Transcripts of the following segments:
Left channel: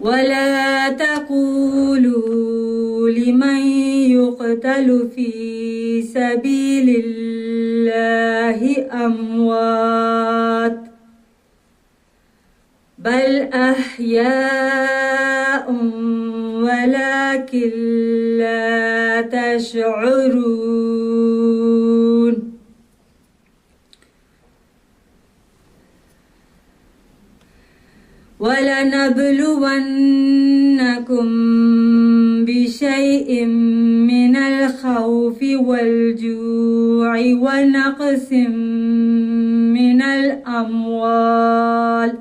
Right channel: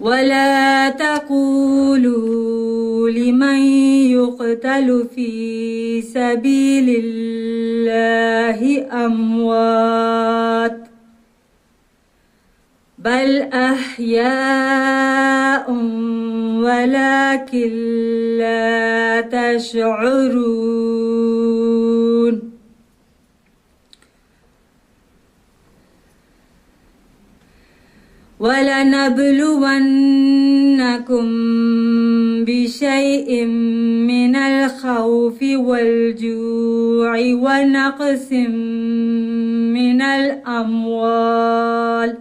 ولا تقولوا لمن يقتل في سبيل الله أموات بل أحياء ولكن لا تشعرون ولنبلونكم بشيء من الخوف والجوع ونقص من الأموال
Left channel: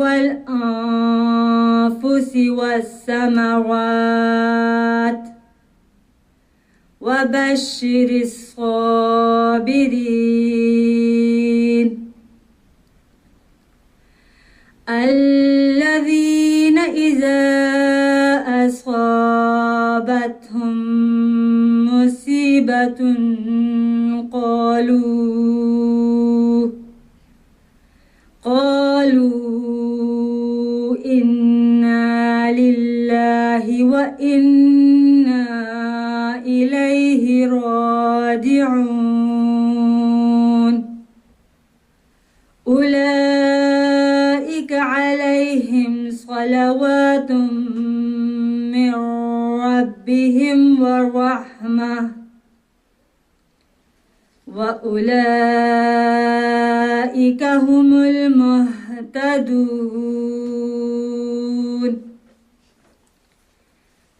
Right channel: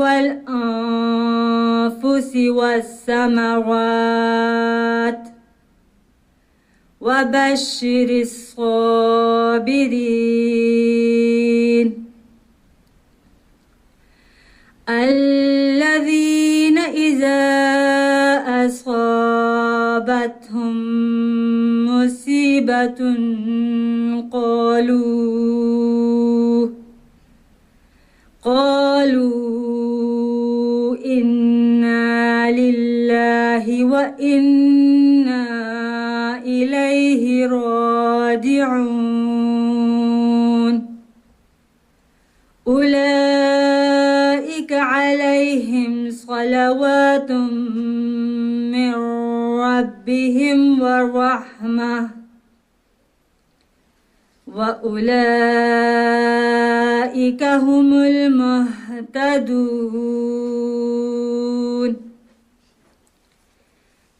والأنفس والثمرات وبشر الصابرين الذين إذا أصابتهم مصيبة قالوا إنا لله وإنا إليه راجعون أولئك عليهم صلوات من ربهم ورحمة وأولئك هم المهتدون۔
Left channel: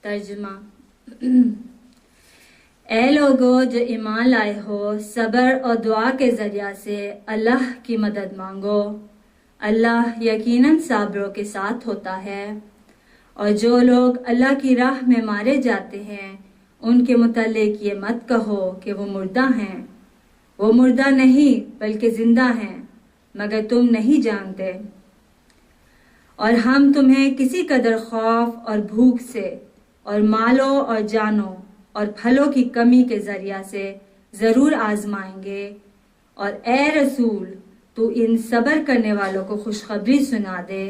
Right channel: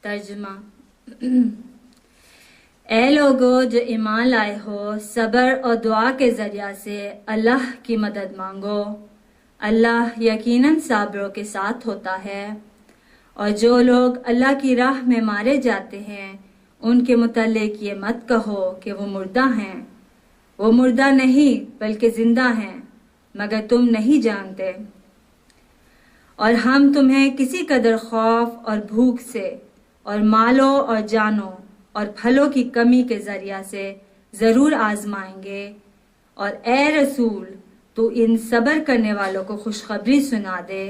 ترجمہ: اے لوگو جو ایمان لائے ہو، صبر اور دعا کے ذریعہ سے اللہ کی مدد مانگو۔ اللہ یقیناً صابروں کے ساتھ ہوتا ہے۔ اور جو لوگ اللہ کی راہ میں مارے جاتے ہیں ان کے متعلق یہ مت کہو کہ وہ مردہ ہیں، وہ مردہ نہیں بلکہ زندہ ہیں، مگر تم نہیں جانتے۔ اور ہم تمہیں کسی قدر خوف اور بھوک سے اور مالوں اور جانوں اور پھلوں کی کمی کے ذریعہ سے ضرور آزمائیں گے، اور اے رسول تو ان صبر کرنے والوں کو خوشخبری سنا دے،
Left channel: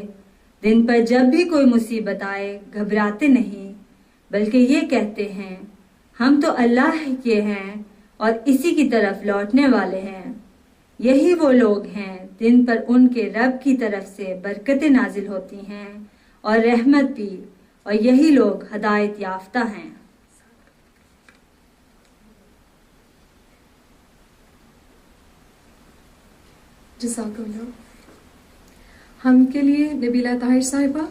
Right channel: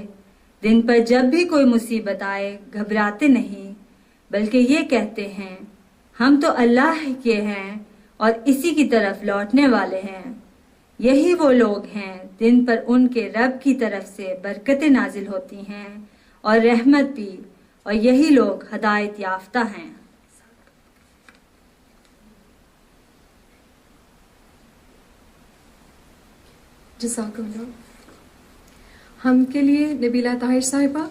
دن پر جب بھی کوئی مصیبت آئے گھبراتے نہیں، بلکہ یہ کہتے ہیں ہم تو اللہ کے ہیں اور اسی کی طرف لوٹنے والے ہیں۔ یہی وہ لوگ ہیں جن پر ان کے رب کی طرف سے برکتیں نازل ہوتی ہیں اور رحمت بھی، اور یہی لوگ ہدایت یافتہ ہیں۔ جزاک اللہ۔ ہم کے لیے نبیلہ طاہر صاحبہ۔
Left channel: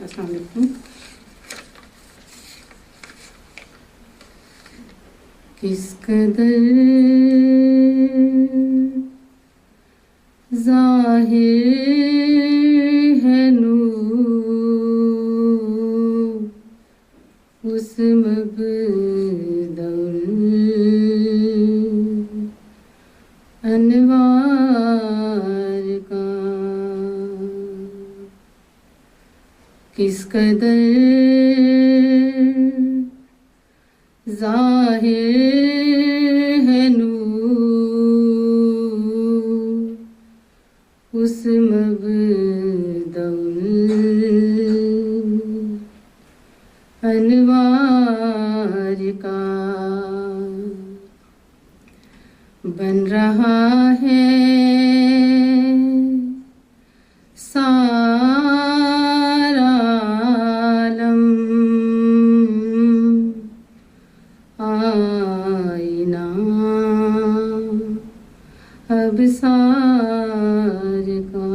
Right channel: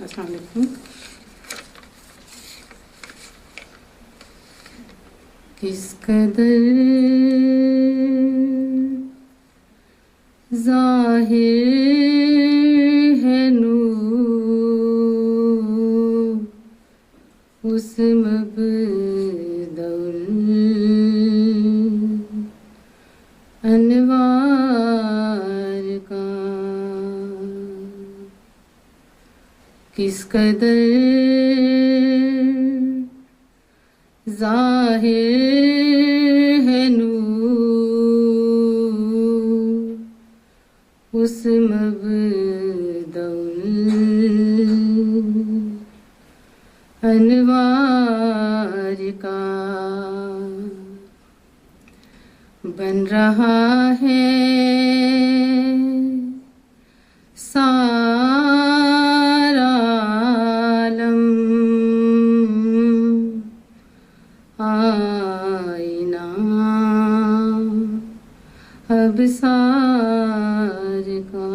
السلام علیکم۔ کس قدر ظاہر ہے نور اس مبدأ الانوار کا، کس قدر ظاہر ہے نور اس مبدأ الانوار کا، بن رہا ہے سارا عالم آئینہ ابصار کا،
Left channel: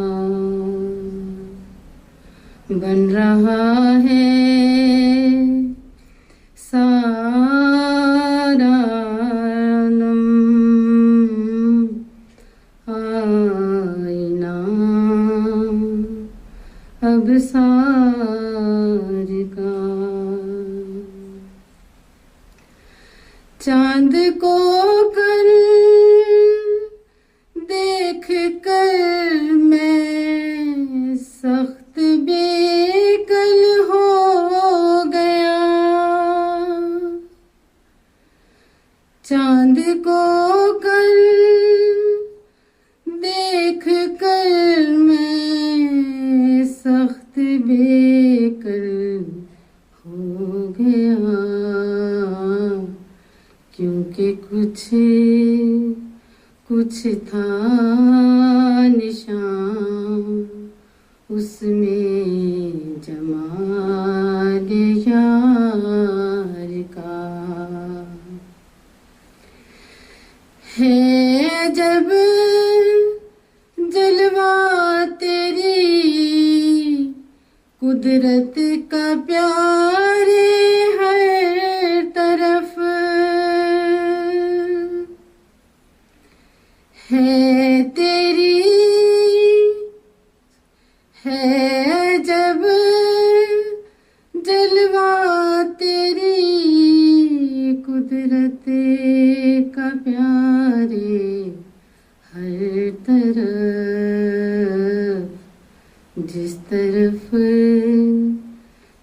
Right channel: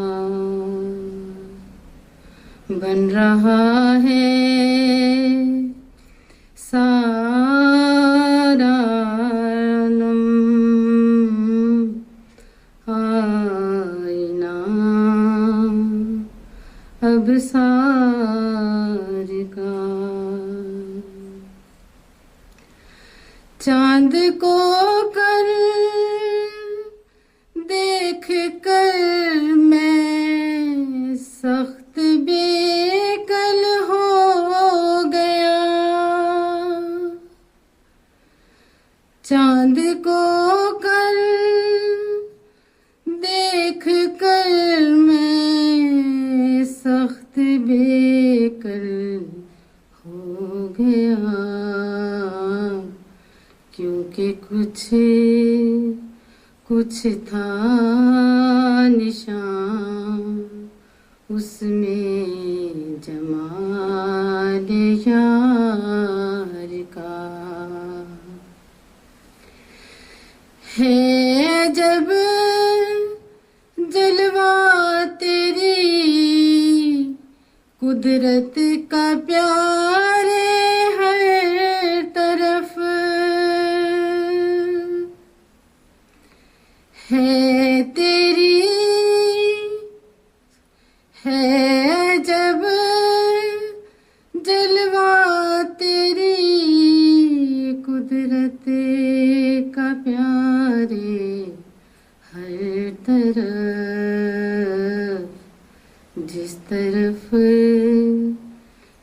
بن رہا ہے سارا عالم آئینہ ابصار کا۔ چاند کو کر دیکھ کر میں سخت بے بے کل ہو گیا، کیونکہ کچھ تھا نشان اس میں جمال یار کا، ہے جب جلوہ تیری قدرت کا پیارے ہر طرف، ہے تیری، ہے جب جلوہ تیری قدرت کا پیارے ہر طرف، جس طرف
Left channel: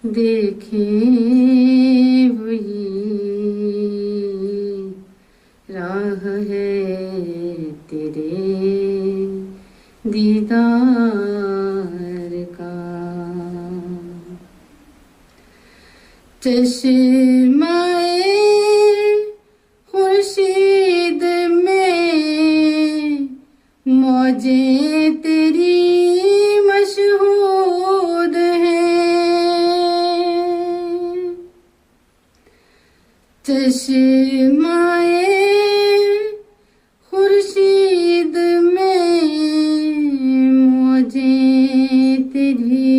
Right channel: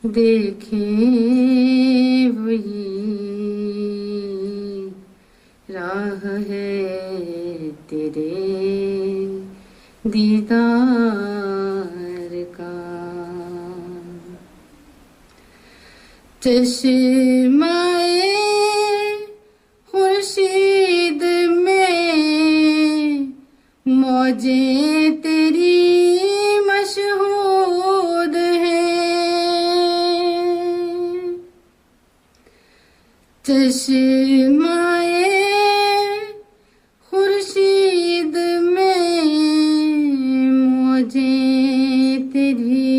دیکھیں وہی راہ ہے تیرے دیدار کا، چشمہ خورشید میں موجیں تیری مشہود ہیں، چشمہ خورشید میں موجیں تیری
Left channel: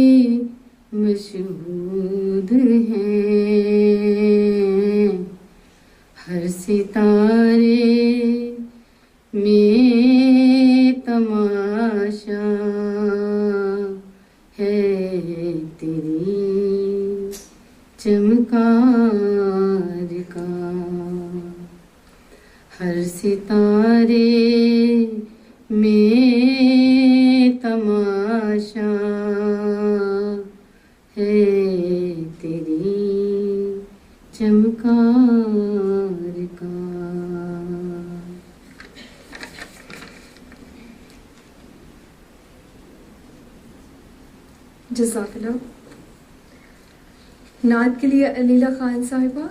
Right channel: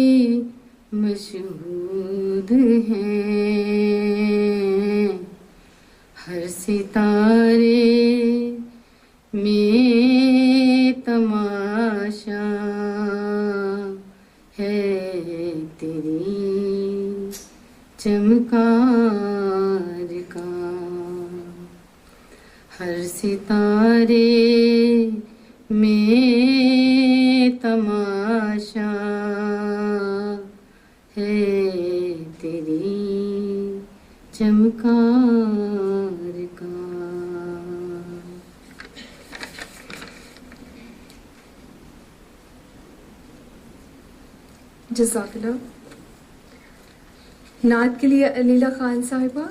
مشہود ہیں، ہر ستارے میں تماشا ہے تیری چمکار کا، ہر ستارے میں تماشا ہے تیری چمکار کا۔ جزاک اللہ۔ نعت کے لیے علیلہ خان صاحبہ۔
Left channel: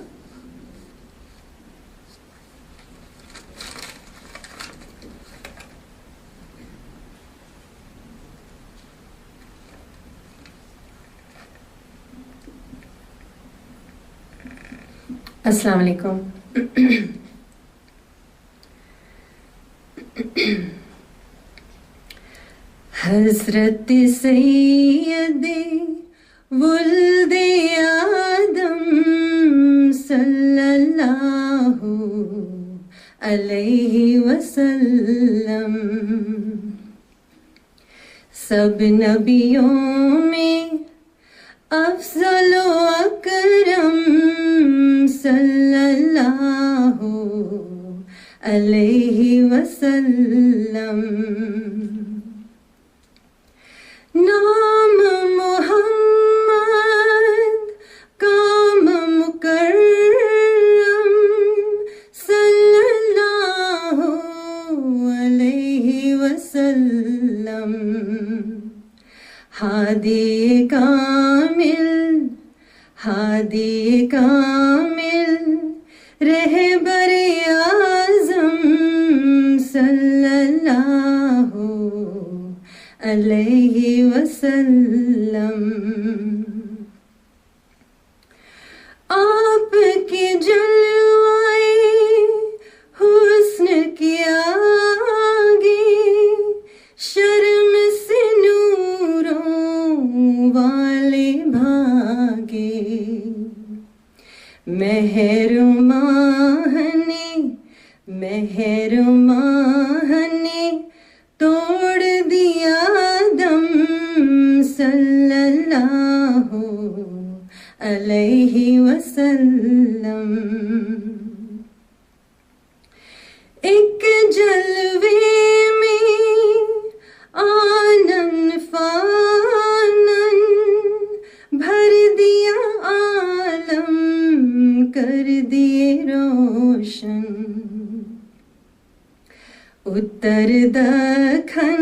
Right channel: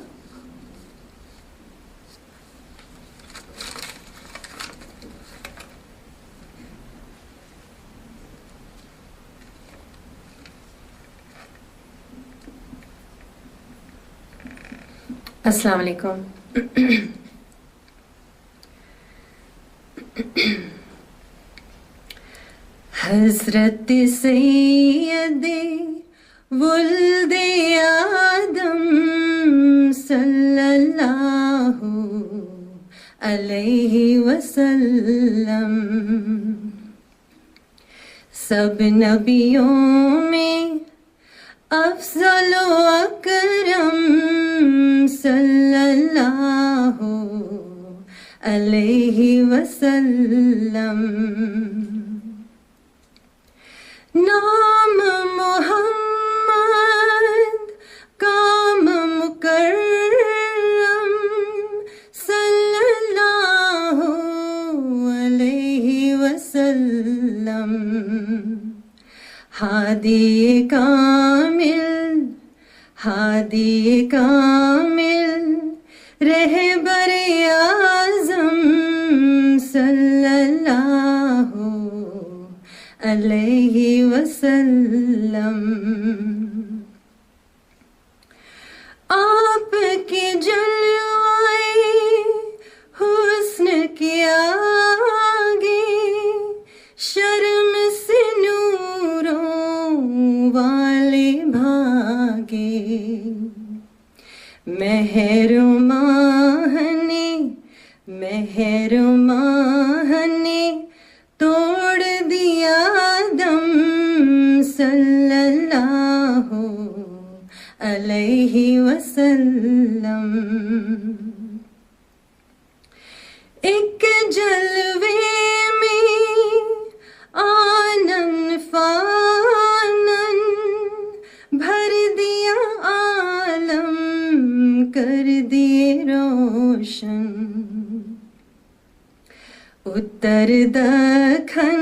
السلام علیکم۔ حضرت سید ولد آدم صلی اللہ علیہ وسلم، سب نبیوں میں افضل و اکرم صلی اللہ علیہ وسلم، نام محمد کام مکرم صلی اللہ علیہ وسلم، ہادی کامل رہبر اعظم صلی اللہ علیہ وسلم، آپ کے جلوائے حسن کے آگے شرم سے نوروں والے بھاگے، مہر ماہ نے توڑ دیا دم صلی اللہ علیہ وسلم، ایک جلوے میں آنن فانن بھر دیا عالم، کر دیے روشن، اتر دکھن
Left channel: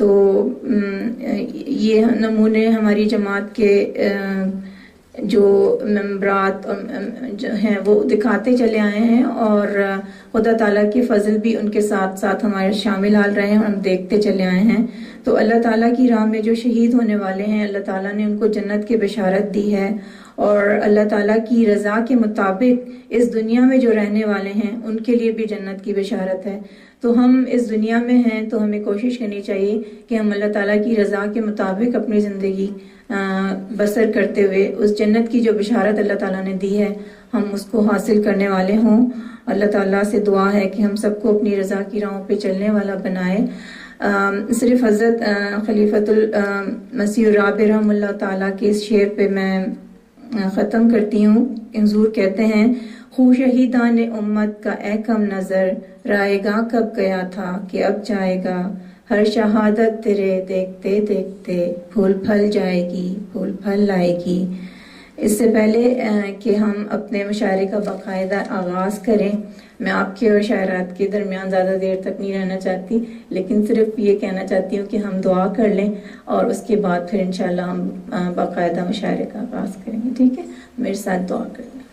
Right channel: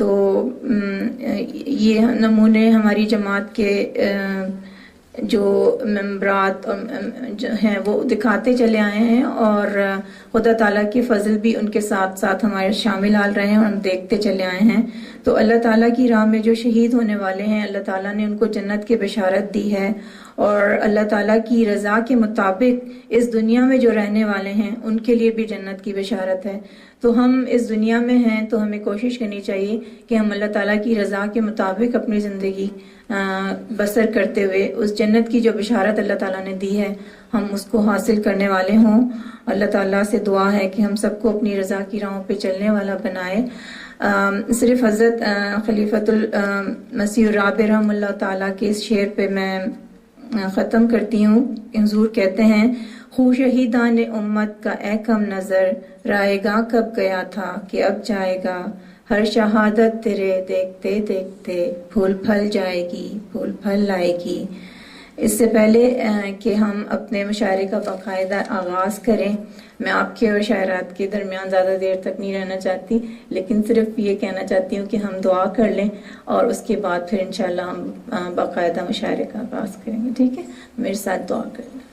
تو یہ نمونے ہماری جماعت کے جو ممبرات جو ہیں وہ دکھاتے چلے آئے ہیں، اور خدا تعالیٰ کی فضل بھی ان کے ساتھ ساتھ ہمارے شامل حال رہے ہیں اور ہم دیکھتے چلے آئے ہیں۔ تو اللہ تعالیٰ کی راہ میں جو شہید ہونے والے ہیں، اللہ تعالیٰ نے ان کو جنت کی بشارت دی ہے، اور اللہ تعالیٰ کی رضا کے مطابق اس دنیا میں جو رہنے والے ہیں ان کے لیے بھی جنت کی بشارت ہے۔ تو ہم اس دنیا میں ہیں تو ہمیں کوشش کرنی چاہیے کہ ہم اللہ تعالیٰ کی رضا کے مطابق اپنی زندگی بسر کرتے ہوئے اس جنت کی جو بشارت اللہ تعالیٰ نے دی ہے ہم اس کو حاصل کرنے والے ہوں۔ اللہ تعالیٰ سے دعا ہے کہ ہم سب کو اپنی رضا کی راہوں پہ چلنے والا بنائے۔ صرف حضرت خلیفۃ المسیح الرابع رحمہ اللہ تعالیٰ کے اس شعر پہ میں ختم کرتی ہوں۔ حضور کہتے ہیں، خو شہیدان امت کا اے کم نظر، رائے گاہ کب گیا تھا کہ اب جائے گا، ہر شہادت تیرے دیکھتے دیکھتے پھول پھل جائے گی، پھول پھل لائے گی۔ اس سے پہلے کہ ہم اپنے مشاعرے کا باقاعدہ آغاز کریں، میں آپ کے اور شاعرات کے درمیان زیادہ دیر تک نہیں رہنا چاہتی، لیکن صرف یہ کہنا چاہتی ہوں کہ ہم دعا کر لیں اور اس کے بعد پھر انشاءاللہ ہم باقاعدہ مشاعرے کا آغاز کریں گے۔ ٹھیک ہے، میرے ساتھ دعا کر لیں۔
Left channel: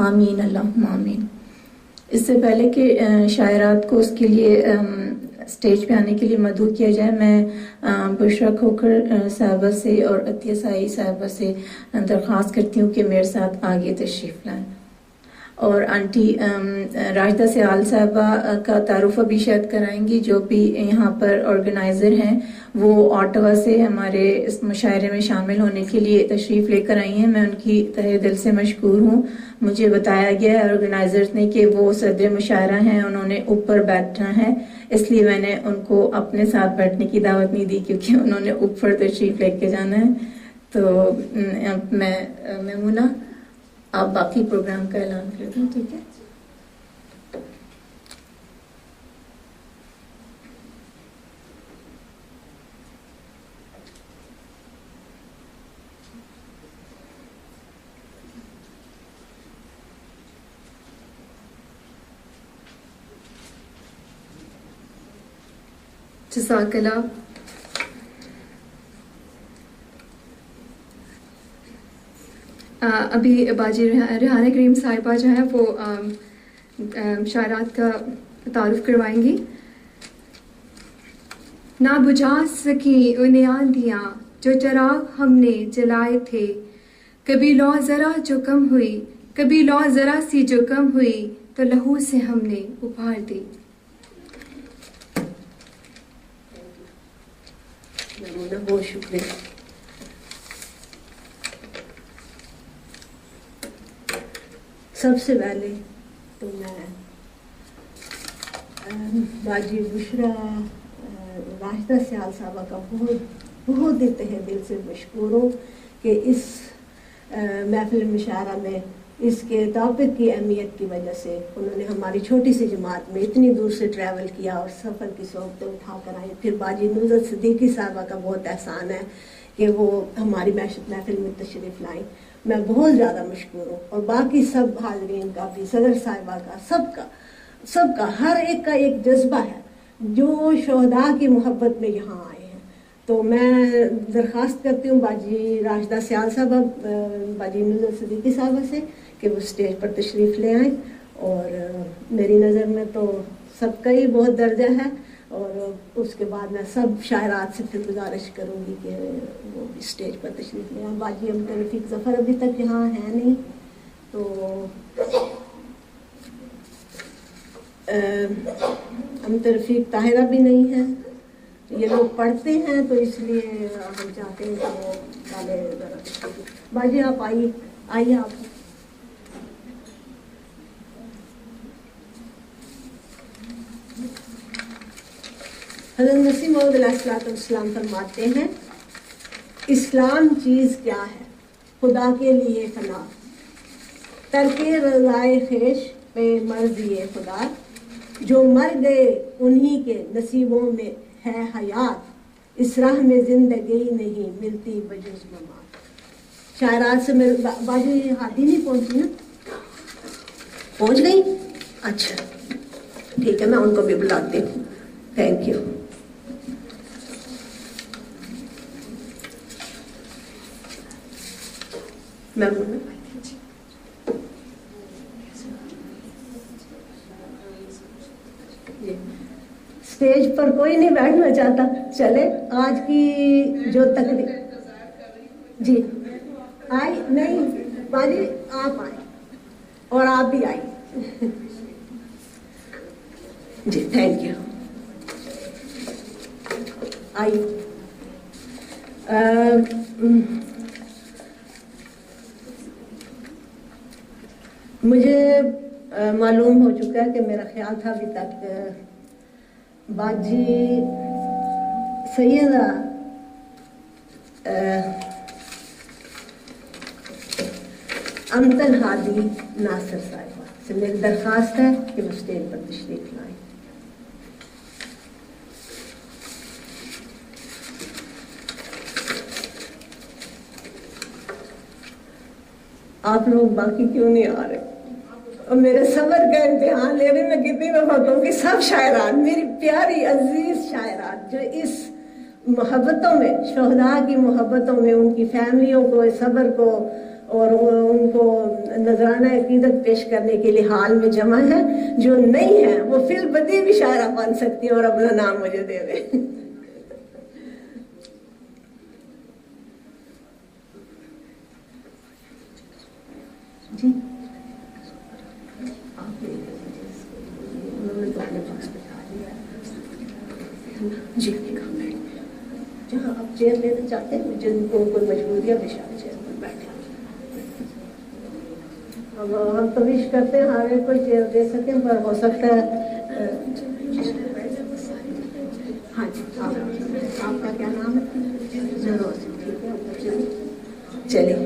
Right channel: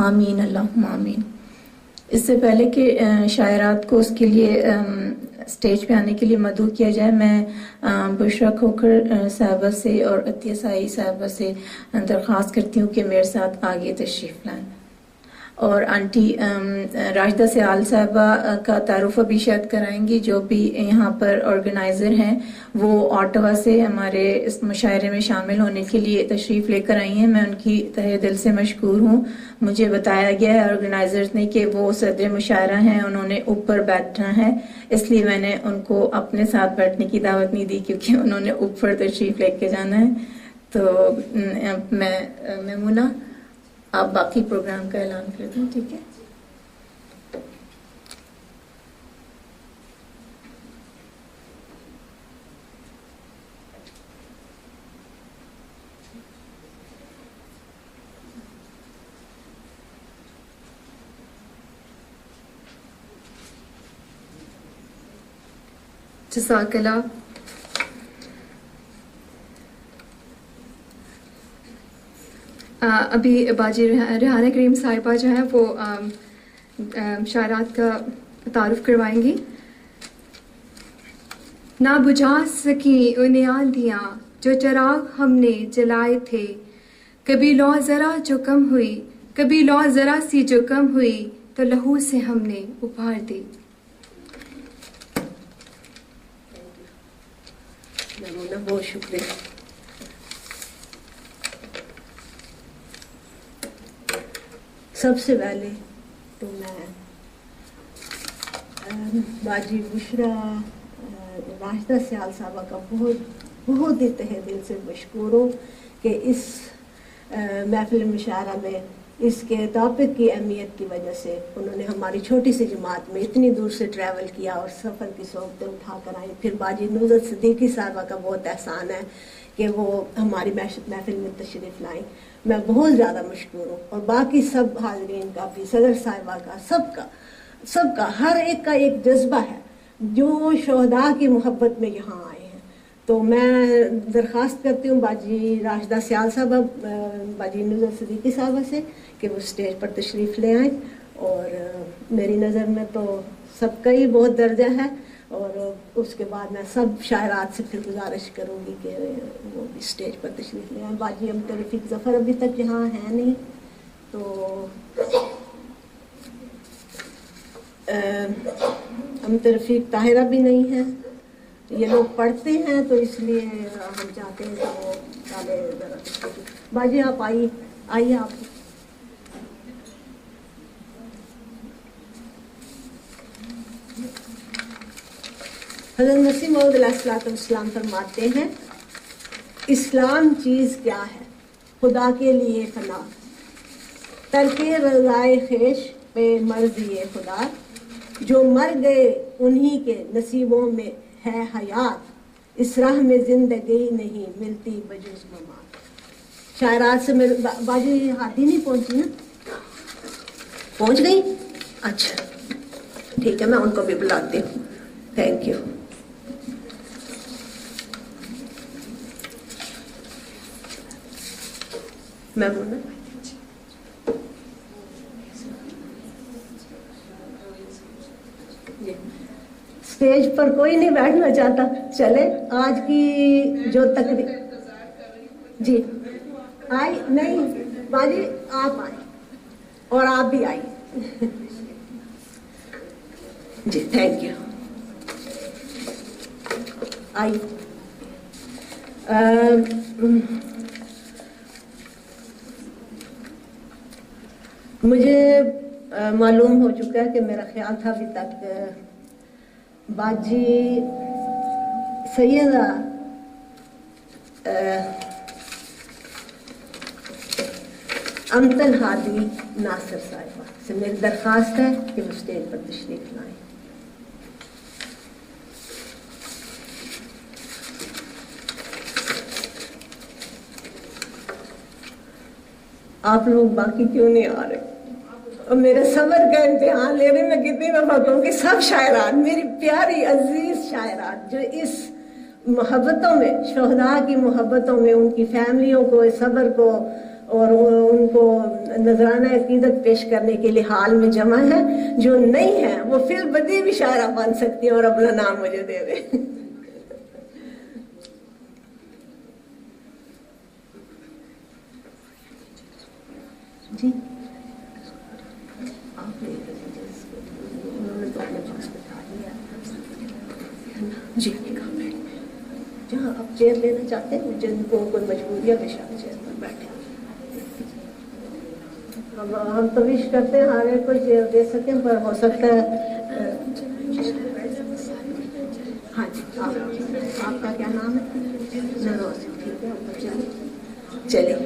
آمین، اللہم آمین۔ اس سے پہلے کہ شاعرات کو اس کے لیے اسٹیج پہ آنے کے لیے مدعو کیا جائے، میں بشرا کھوکھر صاحبہ سے اور عطیہ سائی صاحبہ سے درخواست کرتی ہوں کہ میرے ساتھ آگے تشریف لائیں، اور آنٹی راشدہ سیال صاحبہ کا تعارف ابھی شاید کرائیں گی، جو بھی یہاں پر آرگنائزر ہیں، وہ آٹوا سے ہمارے اس مشاعرے میں شامل ہونے کے لیے تشریف لے کر آئی ہیں۔ میں ان کی تہہ دل سے مشکور ہوں۔ مجھے بتایا گیا ہے آرگنائزرز نے کہ وہ صدر مشاعرہ ہیں، انہوں نے اوپر بیٹھنا ہے، اس لیے میں نے ان کو اپنے ساتھ بیٹھنے کی دعوت نہیں دی کیونکہ انہوں نے اوپر تشریف لے کے جانا ہے۔ تو میں میمونہ آپ باقی پروگرام کا اعلان کر دیں، ٹھیک ہے؟ جزاک اللہ۔ ابھی باجی ریحانہ کریم صاحبہ جو ہیں وہ شاعرات کا تعارف کروائیں گی۔ نہ بجھا سکی انہیں آندیاں جو چراغ ہم نے جلائے تھے، کبھی لو ذرا جو کم ہوئی، کبھی لو ذرا سی جو کم ہوئی تو لہو سے ہم نے ابھار دی۔ بہت شکریہ۔ سب سے پہلے تو میں باجی بشرا راشدہ سیال صاحبہ کا بہت ہی تہہ دل سے مشکور ہوں کہ اس محفل مشاعرہ میں اس کے ٹاپک کی اہمیت کی وجہ سے انہوں نے ہماری چھوٹی سی جماعت میں اتنی دور سے ٹریول کیا اور سفر کی صحبتیں اٹھا کر آئیں۔ پھر باجی نصرت صدیقی صاحبہ کا بہت احسان ہے کہ وہ ہماری محفل میں تشریف لائیں، میں بہت زیادہ مشکور ہوں، اور باقی سب حاضرین کا بھی، صدر صاحبہ کا، سب کا ہر ایک کا ایک جذبہ ہے جو شہداء کی محبت میں یہاں آئے ہیں۔ تو میں درخواست کرتی ہوں باجی راشدہ سیال صاحبہ، باجی نصرت صدیقی صاحبہ سے کہ وہ اسٹیج پر تشریف لے آئیں، اور میری نظر میں تو سب کا ہی بہت درجہ ہے، اور اس کے بعد میں سب شاعرات سے پھر گزارش کروں گی کہ وہ بھی اسٹیج پر تشریف لے آئیں۔ باجی امت رفیق ظفر ابھی تک یہاں ہے نہیں، تو امت رفیق طاہرہ بھی نہیں ہے، یہ لوگ پڑھتے ہیں تو اس لیے ہم چاہتے ہیں کہ وہ ڈالے ذرا تشریف۔ باجی آپ آئیے آپ۔ حضرت مسیح موعود علیہ السلام فرماتے ہیں اسلام چیز کیا ہے؟ خدا کے لیے فنا، ترک رضائے خویش پہ مرضی خدا، جو مر گئے انہی کے نصیبوں میں ہے حیات، اس راہ میں زندگی نہیں ملتی بجز ممات۔ شاعرات سے میرے باجی ہاتھی نہیں پہنچی نا؟ پہنچ گئی؟ اچھا ٹھیک ہے، میں ان کو بھی بلاتی ہوں۔ Thank you. میں بولنا جی، اسٹیج پر کوئی نہیں بیٹھنا چاہتا، چلے آج کی جو تقریب جی آئی نہیں باجی، آپ آئیں اور آپ بھی آئی جی، تھینک یو۔ آئی مجھے معلوم ہو چکا ہے کہ میرا خیال تھا ابھی تک باجی سیدہ امتن ہادی ناصر صاحبہ سے میری درخواست ہے کہ وہ اسٹیج پر تشریف لائیں۔ آپ لوگ باقی کیوں نہیں آ رہے؟ اور میرے صبر کا امتحان لے رہے، میں کتنی دفعہ کہوں کہ سب شاعرات، میری پیاری عزیز شاعرات جو اس محبتوں میں، شہداء کی محبتوں میں، ان کی فیملیوں کو، صبر کو اور ان کو نذرانہ عقیدت پیش کرنے کے لیے حال میں جمع ہے، جو نہیں ہے وہ فی البدیہہ بھی شاعرہ بن سکتی ہیں اور اپنا نام مجھے دے دیں۔ جی آپ انہوں نے تو اپنے پاس بٹھا لیا جی، جہاں آپ چیئر لینا چاہتے ہیں، جن کو کوئی مجبوری ہے بشار چیئر پر بیٹھے۔ ہم تو وش کرتے ہیں ہر ایک کو چیئر دے سکیں، پر ہو سکتا ہے ہاں جی، آپ کا کیا نام ہے؟ نروز، ٹھیک ہے، چلیے۔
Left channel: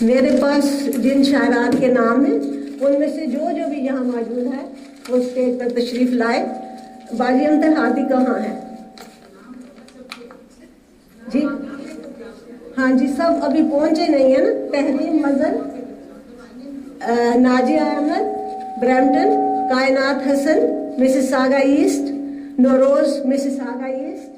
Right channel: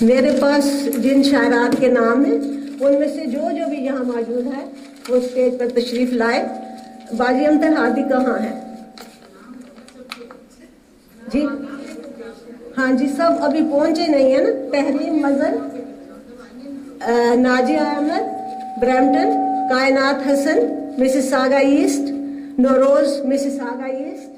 میرے پاس جن شاعرات کے نام ہیں ان میں سے جو بھی یہاں موجود ہے وہ اسٹیج پر تشریف لائے۔ باجی امتن ہادی کہاں ہے؟ جی ہاں جی، سب ابھی پہنچے نہیں ہیں نا۔ تحریم مظہر، ناجیہ Ahmed Brampton, Kainat Hasan Mississauga East, Nauroz Mississauga East,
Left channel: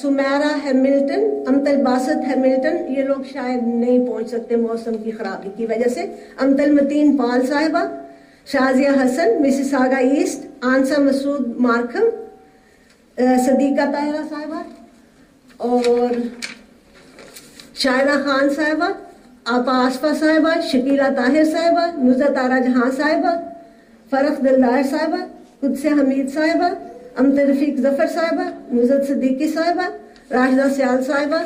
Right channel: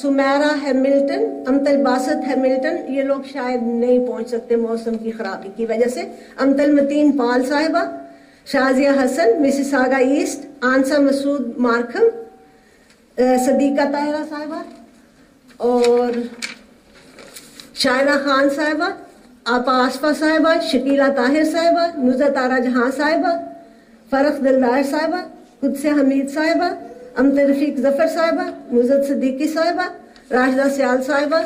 Sameera Hamilton, Amtul Basit Hamilton, یہ لوگ شاید نہیں پہنچ سکتے موسم کی خرابی کی وجہ سے۔ امتل متین پال صاحبہ، شازیہ حسن مسز ساگا ایسٹ، آنسا مسعود مارکھم، صدیقہ طاہرہ صاحبہ اور شائرہ خان صاحبہ، آپا آصفہ صاحبہ، شکیلہ طاہر صاحبہ، نزہت آرا جہاں صاحبہ، فرخ دلدار صاحبہ، قدس حمید صاحبہ، امت رفیق ظفر صاحبہ، نزہت صدیقی صاحبہ، راشدہ سیال صاحبہ،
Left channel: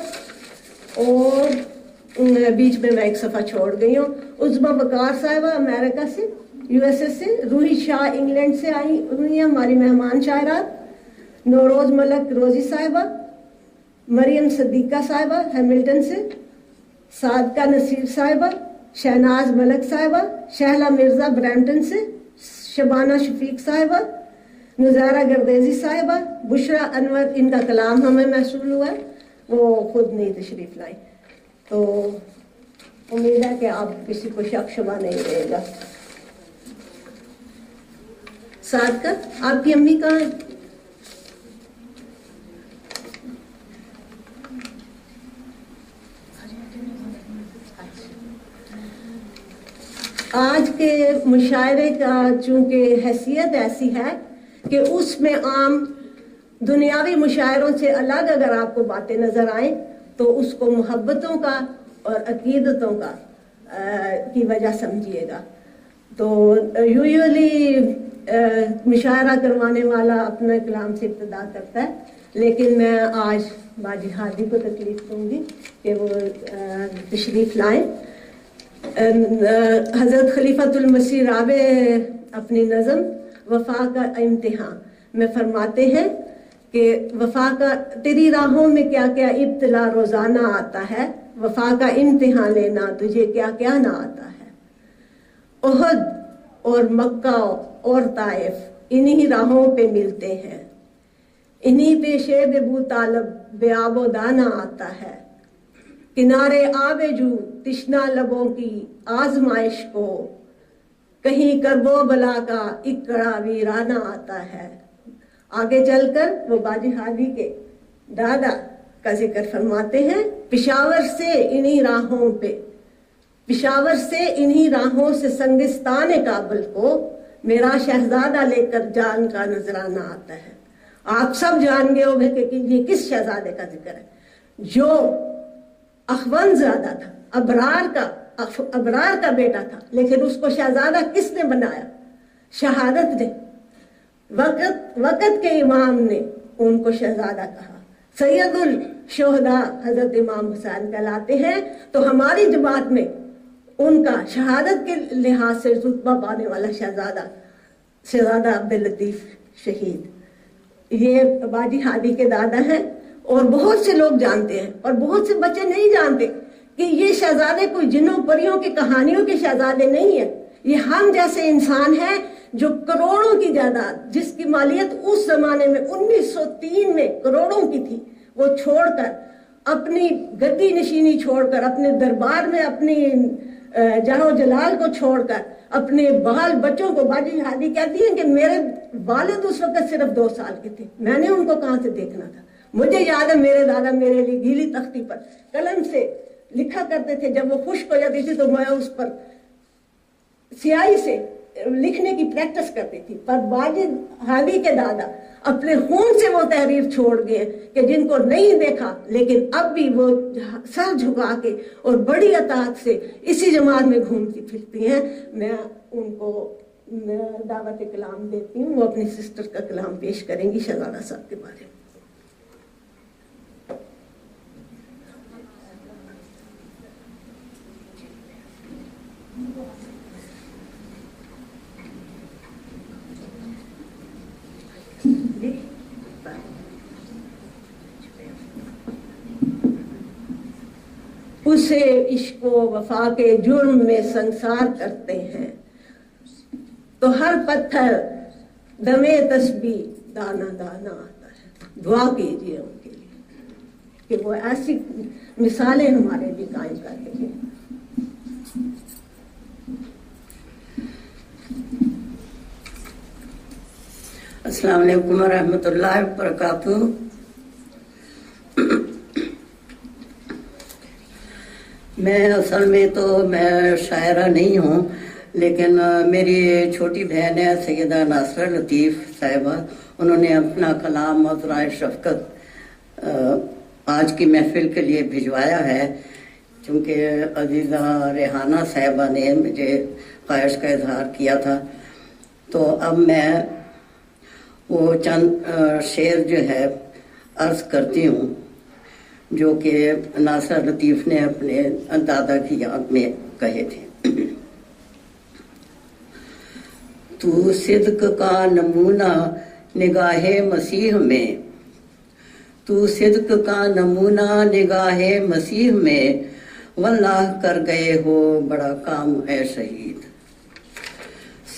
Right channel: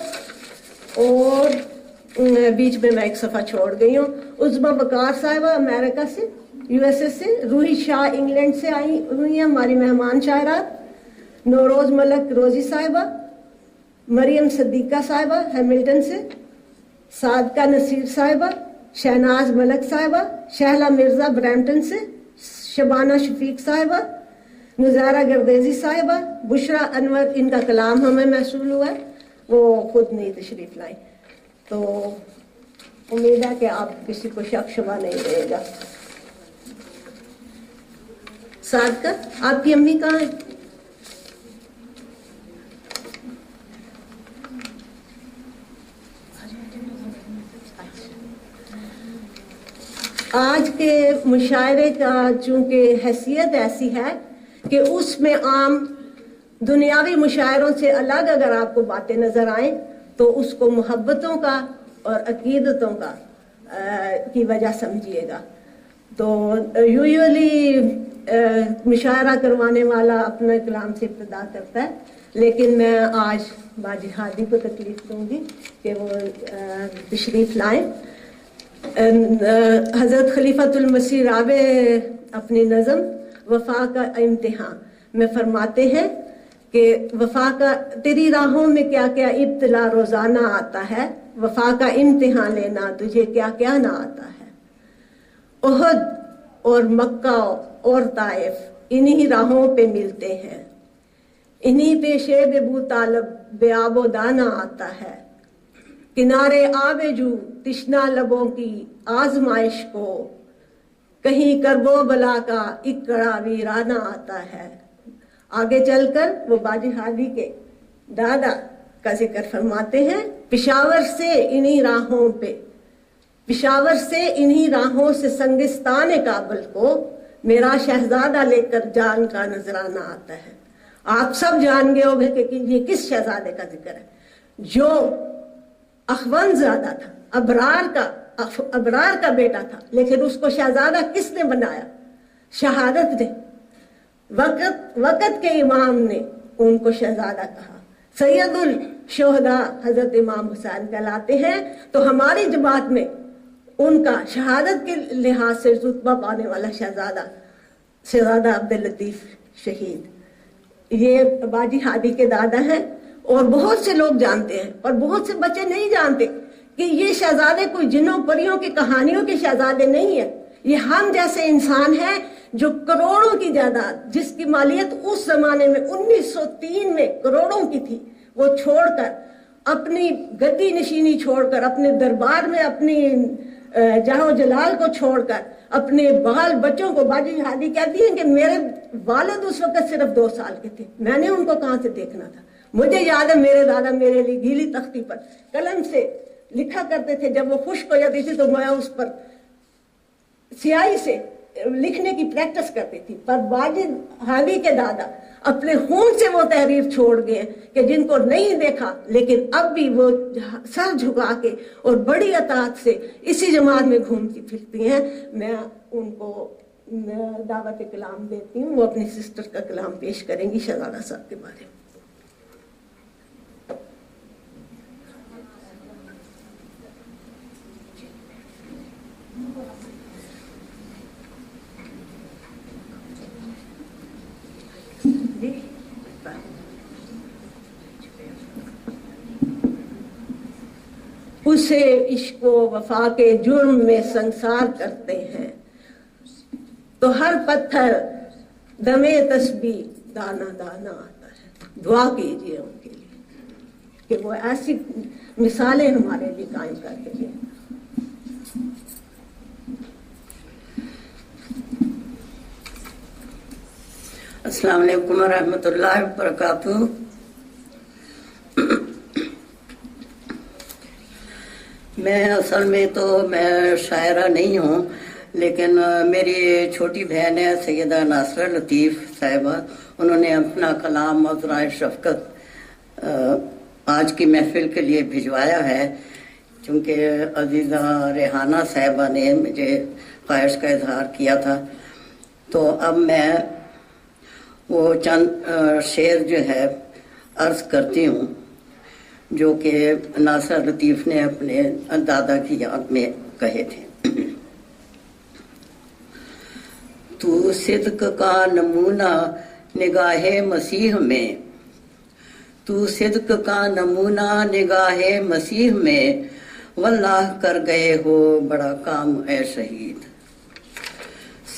اور بیچ میں ایک صفحہ چھوڑ گئی ہوں، عزبہ بکار صاحبہ امریکہ سے، یو ایس اے سے، روحی شاہ انگلینڈ سے آئی ہوئی ہیں ہماری مہمان شاعرات، نوروز ملک روزی صاحبہ، مریم صدیقہ صاحبہ ہیملٹن سے، صادقہ نصیر صاحبہ، شہناز ملک صاحبہ، شہلا مرزا برمپٹن سے، شبانہ شفیق صاحبہ، نظارہ گردیزی صاحبہ، بشرا انور، ان کا کلام ہمیں محصول ہوا ہے، وہ خود نہیں تشریف لائیں، تو امید ہے کہ آپ کسی کو شک شبہ نہیں دے گا۔ صادقہ، آپ کی امی کہاں ہیں؟ آج کے مشاعرے کا چونکہ حیثیت ایسی ہے کہ اس میں عام دنیاوی مشاعروں سے الگ اگر آپ کو باتیں نظر آئیں تو اس کو محبتوں کا اور عقیدتوں کا کی وجہ سمجھیے گا۔ تو یوزلی مشاعرہ کروانے والا اپنے کلام سے ابتدا کرتا ہے، لیکن میں آج باجی ہادی کو تکلیف دوں گی کہ وہ تشریف لائیں۔ حضرت خلیفۃ المسیح رابع اپنی نظم وفا کا امتحان میں فرماتے ہیں کہ وفا کا تیری راہوں میں کیا کیا ابتلا روزانہ آتا ہے، وفا کا امتحان لینا تجھے کیا کیا نہ آتا ہے۔ احد اور مکہ اور طائف انہی راہوں پہ ملتے ہیں، انہی پہ شیب ابو طالب بے آب و دانہ آتا ہے۔ کنارے آب جو تشنا لبوں کی آزمائش کو، کہیں کرب و بلا کا ایک کڑا ویرانہ آتا ہے۔ آگے چل کر وہ باجی ہادی کے دادا کا ذکر فرماتے ہیں، پشاور سے انہی راہوں سے سنگستان کابل کو میرا شہزادہ لے کر جان کا نذرانہ آتا ہے۔ آپ سب جان گئے ہو کہ یہ کس شہزادے کا ذکر ہے، جو اخوان زادہ تھا، ابرار کا بیٹا تھا، لیکن اس کو شہزادہ کس نے بنایا؟ شہادت نے، وقت کے امام نے ان کو شہزادہ کہا۔ سید الشہداء حضرت امام حسین کہلاتے ہیں، تو ہماری جماعت میں ان کا شہادت کے لحاظ سے رتبہ پانے والا شہزادہ عبداللطیف شہید، یہ باجی ہادی کے دادا ہیں۔ اور بہت سے لوگ جانتے ہیں اور بہت سے بچے نہیں جانتے کہ یہ شہزادے کوئی جنوں پریوں کی کہانیوں کے شہزادے نہیں ہیں، یہ ہم جیسے انسان ہیں جو کروڑوں کی جائیداد، جس کی مالیت اس زمانے میں 1903 میں کروڑوں کی تھی، وہ چھوڑ کر، اپنی گدی نشینی چھوڑ کر، اپنے دربار میں اپنی جاہ و جلال کو چھوڑ کر، اپنے بال بچوں کو، باجی ہادی کہتی ہیں کہ میرے والد اس وقت صرف 2 سال کے تھے، میں نے ان کو کہاں سے دیکھنا تھا۔ مجھے یاد ہے میرے دادا میرے لیے گیلی تختی پر قلم سے لکھا کرتے تھے، جب وہ خشک ہو جاتی تھی تو میں اس پر سیاہی سے لکھنے کی پریکٹس کرتی تھی۔ پر باجی ہادی کے دادا اپنے خون سے وہ تحریر چھوڑ گئے کہ جن کو نہیں دیکھا، لیکن اب بھی وہ سر جھکا کے اور بڑی اطاعت سے اسی جماعت میں گھومتی پھرتی ہیں۔ میں ان کو دعوت کلام دیتی ہوں، وہ اپنی سسٹر کا کلام پیش کریں گی شہزادہ صاحب کے بارے میں۔ اسے عشق و وفا کے جرم میں سنسار کرتے ہیں، تو ہر پتھر دمے تسبیح دانا دانا آتا ہے۔ دعا کیجیے ان کے لیے کہ وہ ایسی مثالیں ہمارے لیے قائم کرتے ہیں۔ السلام علیکم ورحمۃ اللہ وبرکاتہ۔ میں اصل میں تو میں شاعرہ نہیں ہوں، لیکن میری چھوٹی بہن ہے سیدہ ناصرہ لطیف صاحبہ، انہوں نے اپنا کلام عذرائے شفقت آج کی محفل کے لیے بھجوایا ہے، چونکہ عزیزہ ریحانہ صاحبہ نے مجھے خواہش کا اظہار کیا تھا، تو اب میں وہ چند شعر جو ہے عرض کرتی ہوں جو کہ ناصر لطیف نے اپنے دادا کی یاد میں کہے تھے۔ تو صدق کا نمونہ نگاہ مسیح میں، تو صدق کا نمونہ نگاہ مسیح میں، واللہ کر گئے ہو بڑا کام اے شہید۔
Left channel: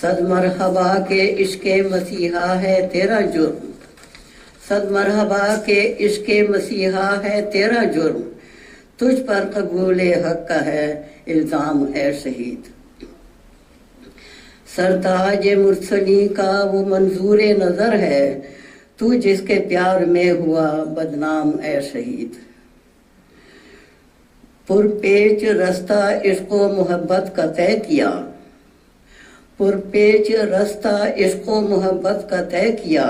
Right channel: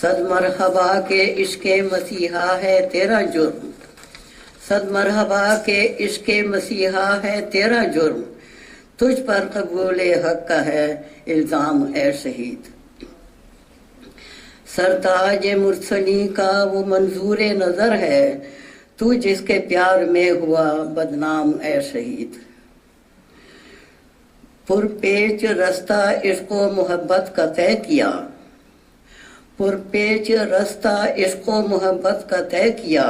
صد مرحبا کہ عشق مسیحا ہے تیرا جرم، صد مرحبا کہ عشق مسیحا ہے تیرا جرم، تجھ پر قبول حق کا ہے الزام اے شہید۔ سرتاج مرسلی کا وہ منظور نظر ہے، تو جس کے پیار میں ہوا بدنام اے شہید۔ پرپیچ رستہ عشق و محبت کا طے کیا، پرپیچ رستہ عشق و محبت کا طے کیا،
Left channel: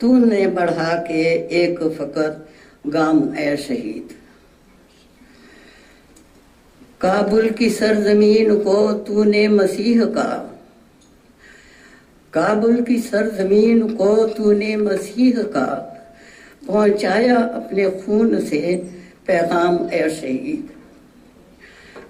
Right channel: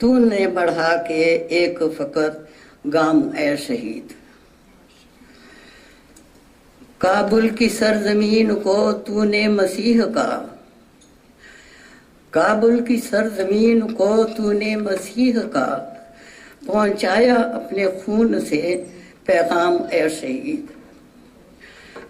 تو نے بڑھا کے ایک فقط گام اے شہید۔ کابل کی سرزمین کو تو نے مسیح کا، کابل کی سرزمین کو تو نے مسیح کا، پہنچایا اپنے خون سے پیغام اے شہید۔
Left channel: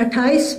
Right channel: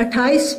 28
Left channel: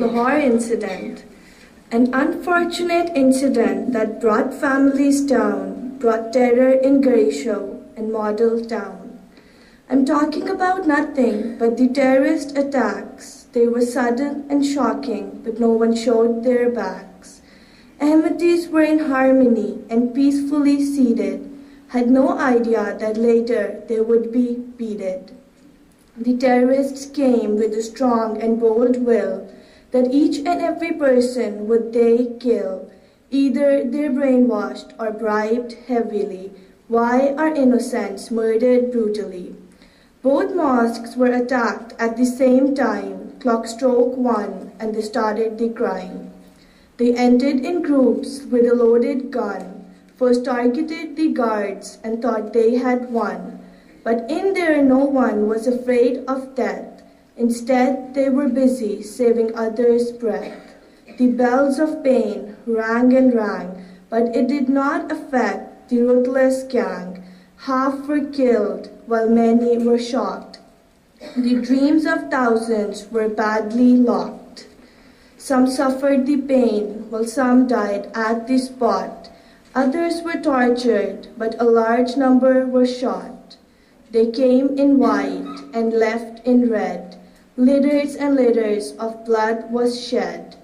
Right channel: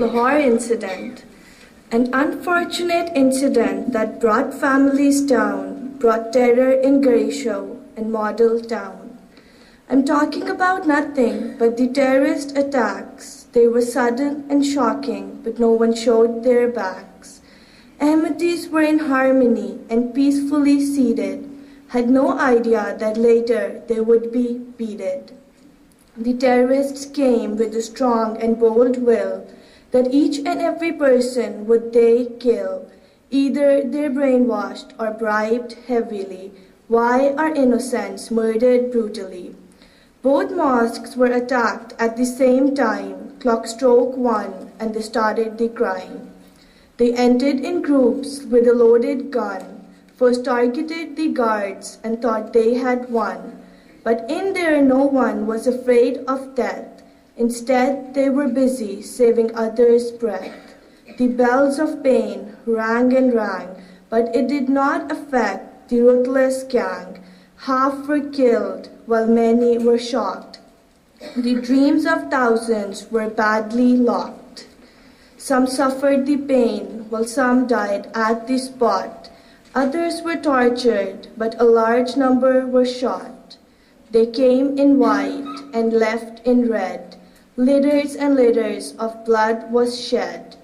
Lahore incident. An unfortunate incident that brought families down, brought terror in Garisho and Model Town. I'm talking about nothing but the terrorist attacks. They were sudden and shocking, but no one showed their backs. Ahmadis were in harmony and peacefully seated, had no idea that later they would be beaten. The terrorists came with a strong and bold will that each and every person would they kill. Either they're brainwashed or bribed heavily. Why are innocents murdered brutally? Both mosques were attacked at the same time, clock struck 1 and they started the crime. They entered in groups with a loaded gun, first targeted the guards and thought they had won. But in there no one was afraid of death. Instead, they were busy saving others' breath. The bells of pain rang and rang, but it did not affect the ruthless gang. Half were killed, while many were shocked. The dreams of thousands were badly locked. Some suffered the pain, while some died at the spot. Others were tortured, but a large number were shot. They came in white and left in red. Litters and litters of blood was shed.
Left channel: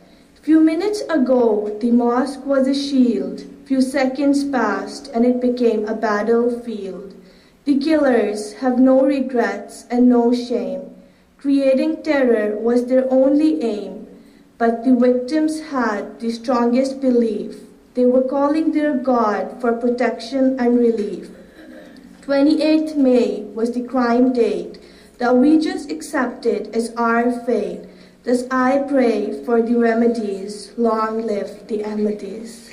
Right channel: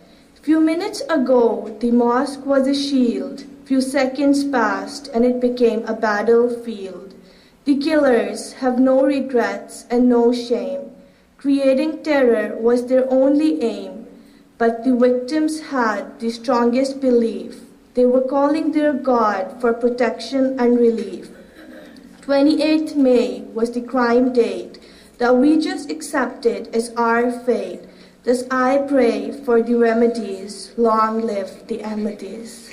Few minutes ago, the mosque was a shield. Few seconds passed and it became a battlefield. The killers have no regrets and no shame. Creating terror was their only aim. But the victims had the strongest belief. They were calling their God for protection and relief. 28th May was the crime date that we just accepted as our fate. Thus I pray for the remedies. Long live the Ahmadis.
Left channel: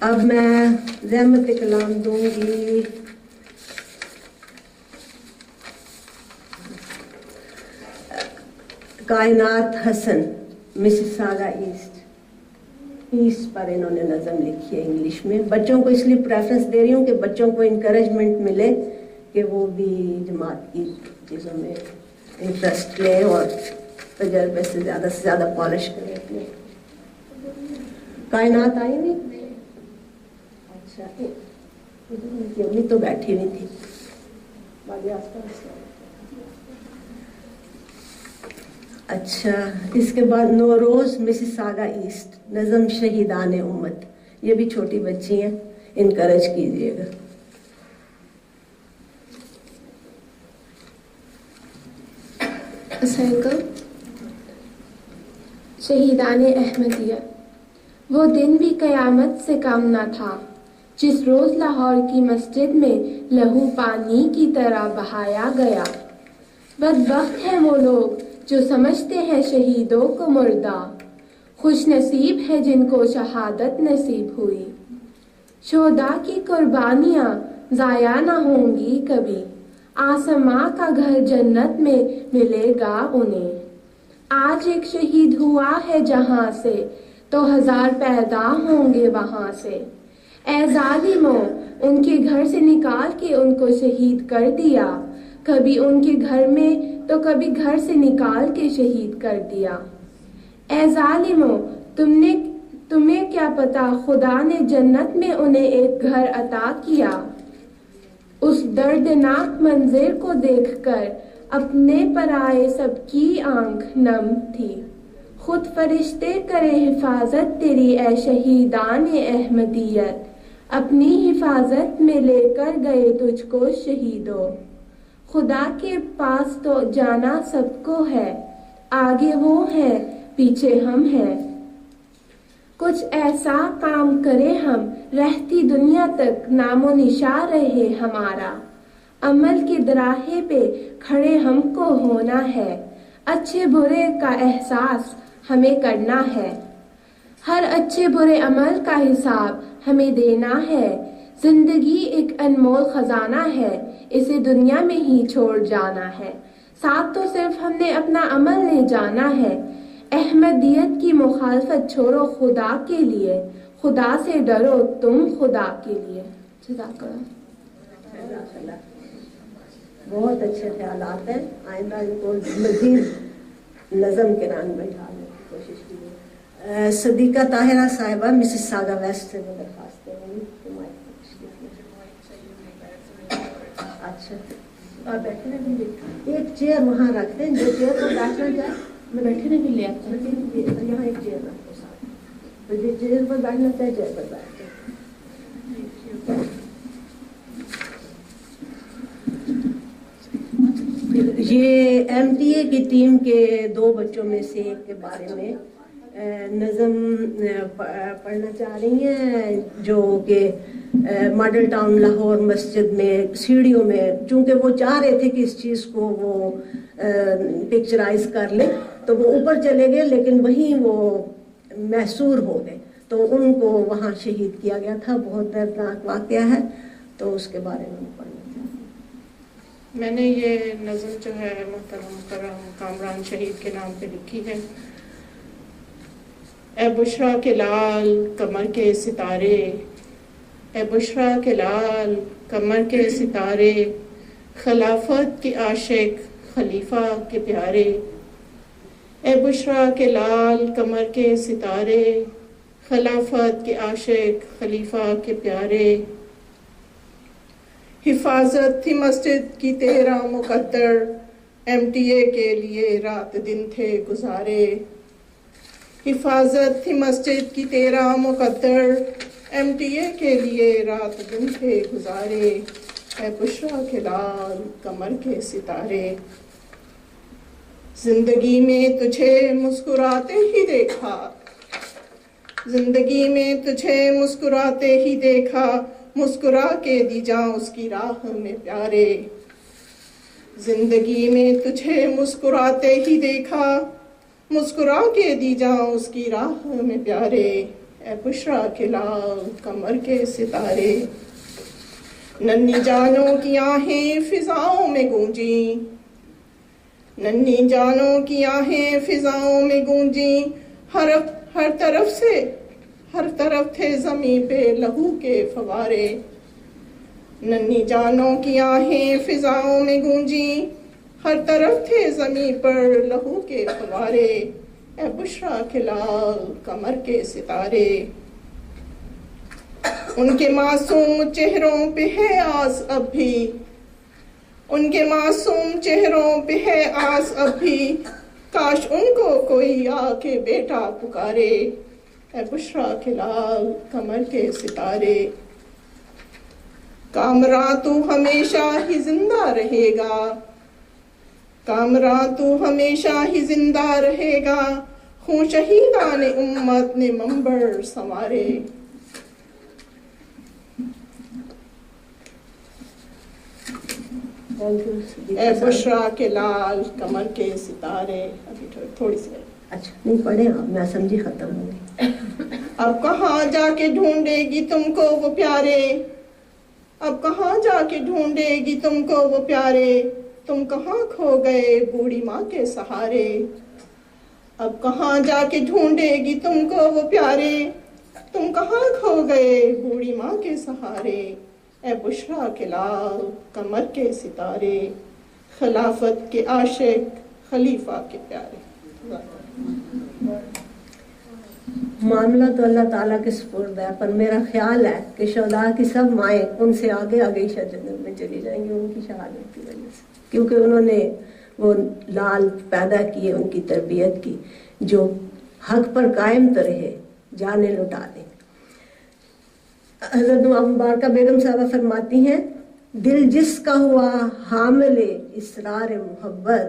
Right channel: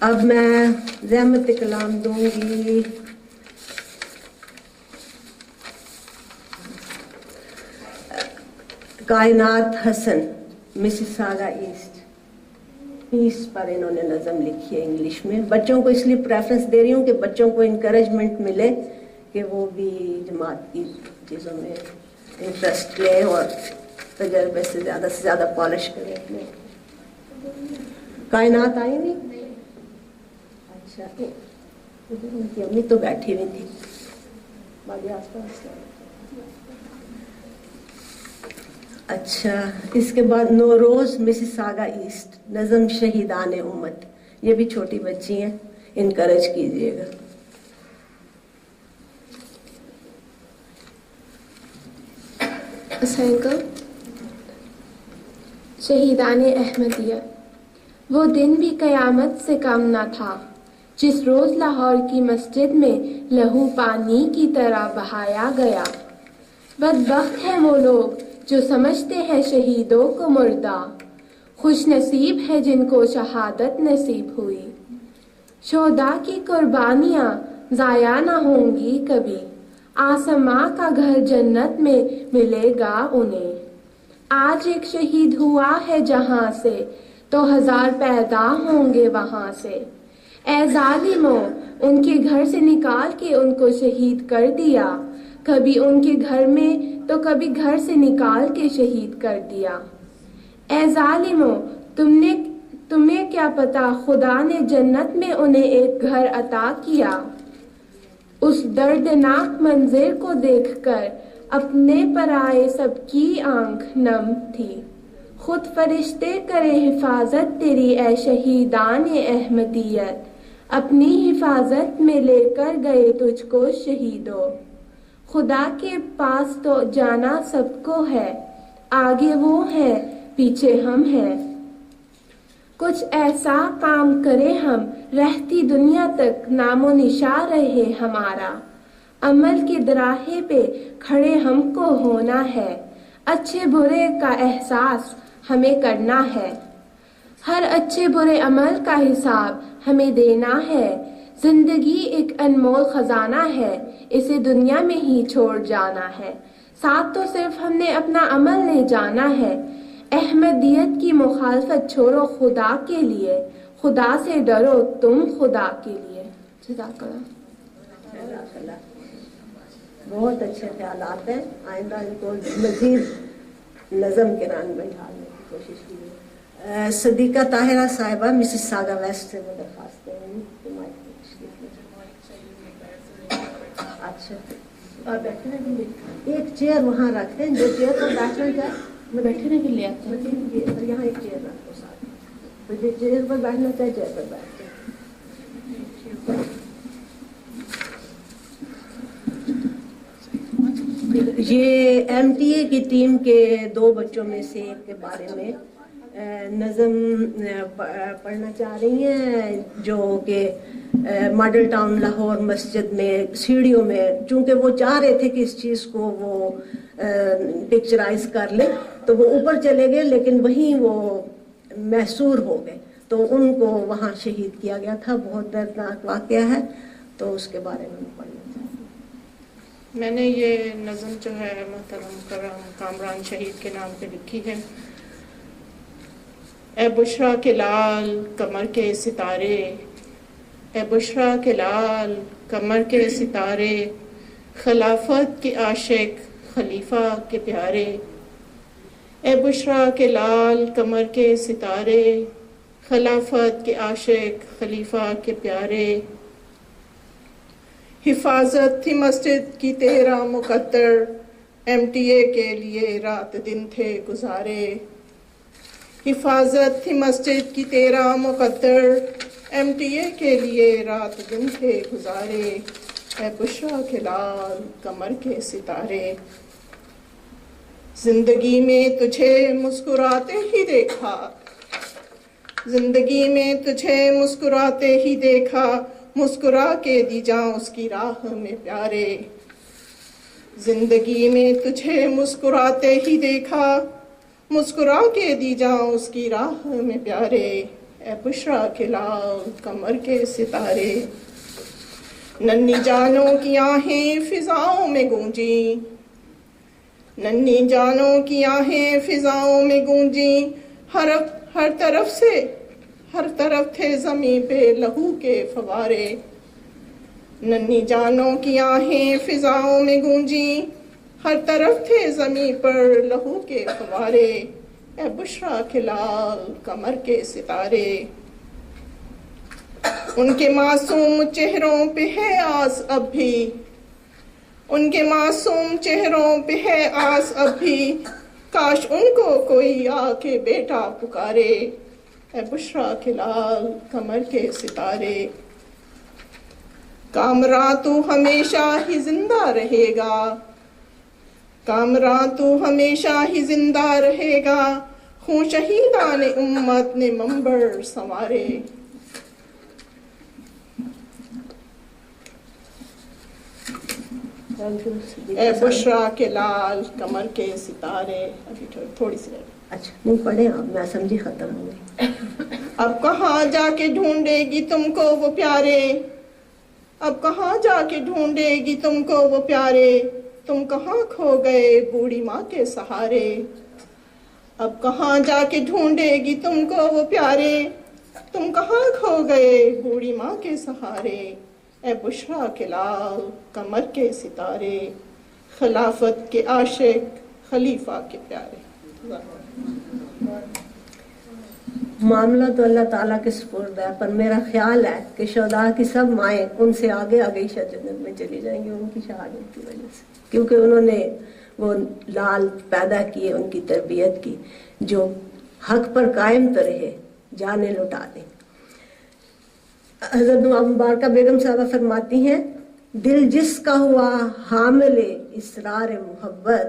اب میں زحمت کلام دوں گی کائنات حسن Mississauga asset پر انہوں نے نظم لکھی ہے انگلش میں. بچوں کو اس لیے پریفرنس دے رہی ہوں کہ بچوں کو انکریجمنٹ ملے کہ وہ بھی جماعت کی چیزوں میں انٹرسٹ لیں اور تجربے سے زیادہ پالش کریں اپنے. کائنات آئی نہیں؟ اچھا امی تو بیٹھی ہوئی تھی باقی آس پاس. اچھا اس کے بعد نوروز مسیساگا ایسٹ نظم شہیدان امت. یہ بھی چھوٹی بچی ہیں, انکریج کیجیے گا. شہیدان احمدیہ. وہ دن بھی قیامت سے کم نہ تھا جس روز لاہور کی مسجد میں لہو پانی کی طرح بہایا گیا. بدبخت ہیں وہ لوگ جو سمجھتے ہیں شہیدوں کو مردہ, خوش نصیب ہے جن کو شہادت نصیب ہوئی. شہداء کی قربانیاں ضائع نہ ہوں گی کبھی, آسماں کا گھر جنت میں ملے گا انہیں. آج ایک شہید ہوا ہے جہاں سے تو 1000 پیدا ہوں گے وہاں سے. اے ظالموں, ان کے گھر سے نکال کے ان کو شہید کر دیا, کبھی ان کے گھر میں تو کبھی گھر سے نکال کے شہید کر دیا. اے ظالموں, تمہیں کیا پتا خدا نے جنت میں انہیں ایک گھر عطا کیا. اس دردناک منظر کو دیکھ کر اپنے پرائے سب کی آنکھ نم تھی. خود فرشتے کرے حفاظت تیری اے شہیدان احمدیت, اپنی حفاظت میں لے کر گئے تجھ کو شہیدوں. خدا کے پاس تو جانا سب کو ہے, آگے وہ ہے پیچھے ہم ہیں. کچھ ایسا کام کرے ہم رہتی دنیا تک نام و نشان رہے ہمارا. عمل کے دراہے پہ کھڑے ہم کو ہونا ہے, اچھے برے کا احساس ہمیں کرنا ہے. ہر اچھے برے عمل کا حساب ہمیں دینا ہے. زندگی ایک انمول خزانہ ہے, اسے دنیا میں ہی چھوڑ جانا ہے. ساتھ تو صرف ہم نے اپنا عمل لے جانا ہے. احمدیت کی مخالفت چھوڑو خدا کے لیے, خدا سے ڈرو تم خدا کے لیے. جزاک اللہ. بہت اچھے خیالات ہیں. آئندہ ان کو مزید نظم کے رنگ میں ڈھالنے کی کوشش کیجیے. صدیقہ طاہرہ صاحبہ مسیساگا ویسٹ سے وہ درخواست کریں گی. اچھا اور بیٹھنے کے لیے ایک چیئر وہاں رکھ دیں, جو چیئر پر بیٹھنا چاہے میں بیٹھنے کے لیے آتا ہوں. یہاں ایک چیئر رکھ دو ساتھ, تو جو چیئر پر بیٹھنا چاہے چیئر پر بیٹھ جائے. یہ ایم ٹی اے کی ٹیم کے 2 بچوں میں سے ایک کے بارے میں نظم پڑھنا چاہ رہی ہیں, جو کہ ماڈل ٹاؤن لاہور مسجد میں سیڑھیوں میں, چونکہ وہ چاہ رہے تھے کہ اس چیز کو وہ پکچرائز کر لیں تو وہ اوپر چلے گئے, لیکن وہیں وہ محصور ہو گئے, تو ان کو وہاں شہید کیا گیا تھا. بہت دردناک واقعہ ہے, تو اس کے بارے میں پڑھنا چاہتی ہوں. میں نے یہ نظم جو ہے محترم مکرم کامران شہید کے نام پہ لکھی ہے. اے بشرا کے لال کمر کے ستارے, اے بشرا کے لال کمر کے ستارے, خلافت کے عاشق خلیفہ کے پیارے. اے بشرا کے لال کمر کے ستارے, خلافت کے عاشق خلیفہ کے پیارے. حفاظت تھی مسجد کی تیرا مقدر, ایم ٹی اے کے لیے رات دن تھے گزارے. حفاظت تھی مسجد کی تیرا مقدر, ایم ٹی اے کے لیے رات دن تھے گزارے. اے بشرا کے لال کمر کے ستارے. زندگی میں تجھے مسکراتے ہی دیکھا, زندگی میں تجھے مسکراتے ہی دیکھا, مسکرا کے دی جاں اس کی راہ میں پیارے. زندگی میں تجھے مسکراتے ہی دیکھا, مسکرا کے دی جاں اس کی راہ میں پیارے. اے بشرا کے لال کمر کے ستارے، ننھی جانوں کی آہیں فضاؤں میں گونجی، ننھی جانوں کی آہیں فضاؤں میں گونجی، ہر طرف تھے زمین پہ لہو کے فوارے، ننھی جانوں کی آہیں فضاؤں میں گونجی، ہر طرف تھے زمین پر لہو کے فوارے، اے بشرا کے لال کمر کے ستارے، ان کے معصوم چہروں پہ ہے آس اب بھی، ان کے معصوم چہروں پہ ہے آس اب بھی، کاش ان کو کوئی آ کے بیٹا پکارے، اے بشرا کے لال کمر کے ستارے، کامراں تو ہمیشہ ہی زندہ رہے گا، کامراں تو ہمیشہ ہی زندہ رہے گا، خون شہیدان امت نے منبر سنوارے۔ اے بشرا کے لال کمر کے ستارے، ابھی تھوڑی سی اچھا نہیں پڑھے آپ، میں سمجھی ختم ہو گئی۔ اب کہاں جا کے ڈھونڈے گی تم کو وہ پیارے، اب کہاں جا کے ڈھونڈے گی تم کو وہ پیارے، تم کہاں کھو گئے بوڑھی ماں کے سہارے، اب کہاں جا کے ڈھونڈے گی تم کو وہ پیارے، تم کہاں کھو گئے بوڑھی ماں کے سہارے، اے بشرا کے لال کمر کے ستارے، خلافت کے عاشق خلیفہ کے پیارے۔ معاملہ تو اللہ تعالیٰ کے سپرد ہے، پر میرا خیال ہے کہ شہداء کی سب مائیں ان سے آگے آگے جنت میں چلی جائیں گی ان کی شہادت کی وجہ سے، کیونکہ انہوں نے وہ لال پیدا کیے، ان کی تربیت کی، جو حق پر قائم تو رہے، جانیں لٹا دیں۔ حضرت مبارکہ بیگم صاحبہ فرماتی ہیں، دل جس کا ہوا حامل اسرار محبت،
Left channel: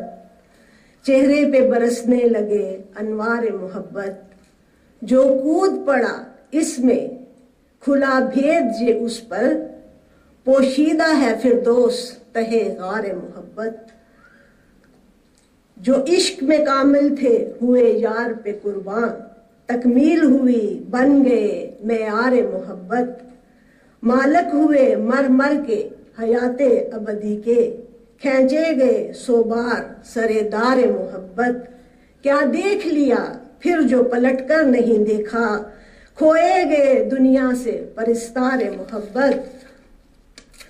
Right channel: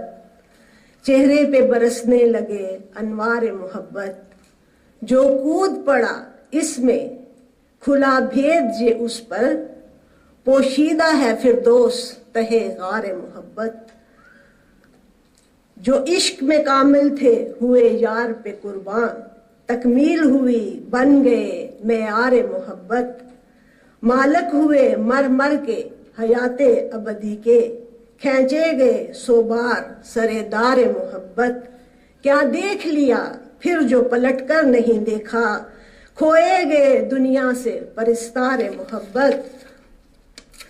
چہرے پہ برسنے لگے انوار محبت، جو کود پڑا اس میں کھلا بھید یہ اس پر، پوشیدہ ہے فردوس تہے غار محبت، جو عشق میں کامل تھے ہوئے یار پہ قربان، تکمیل ہوئی بن گئے معیار محبت، مالک ہوئے مر مر کے حیات ابدی کے، کھینچے گئے سو بار سرے-دار محبت، کیا دیکھ لیا پھر جو پلٹ کر نہیں دیکھا، کھوئے گئے دنیا سے پرستار محبت،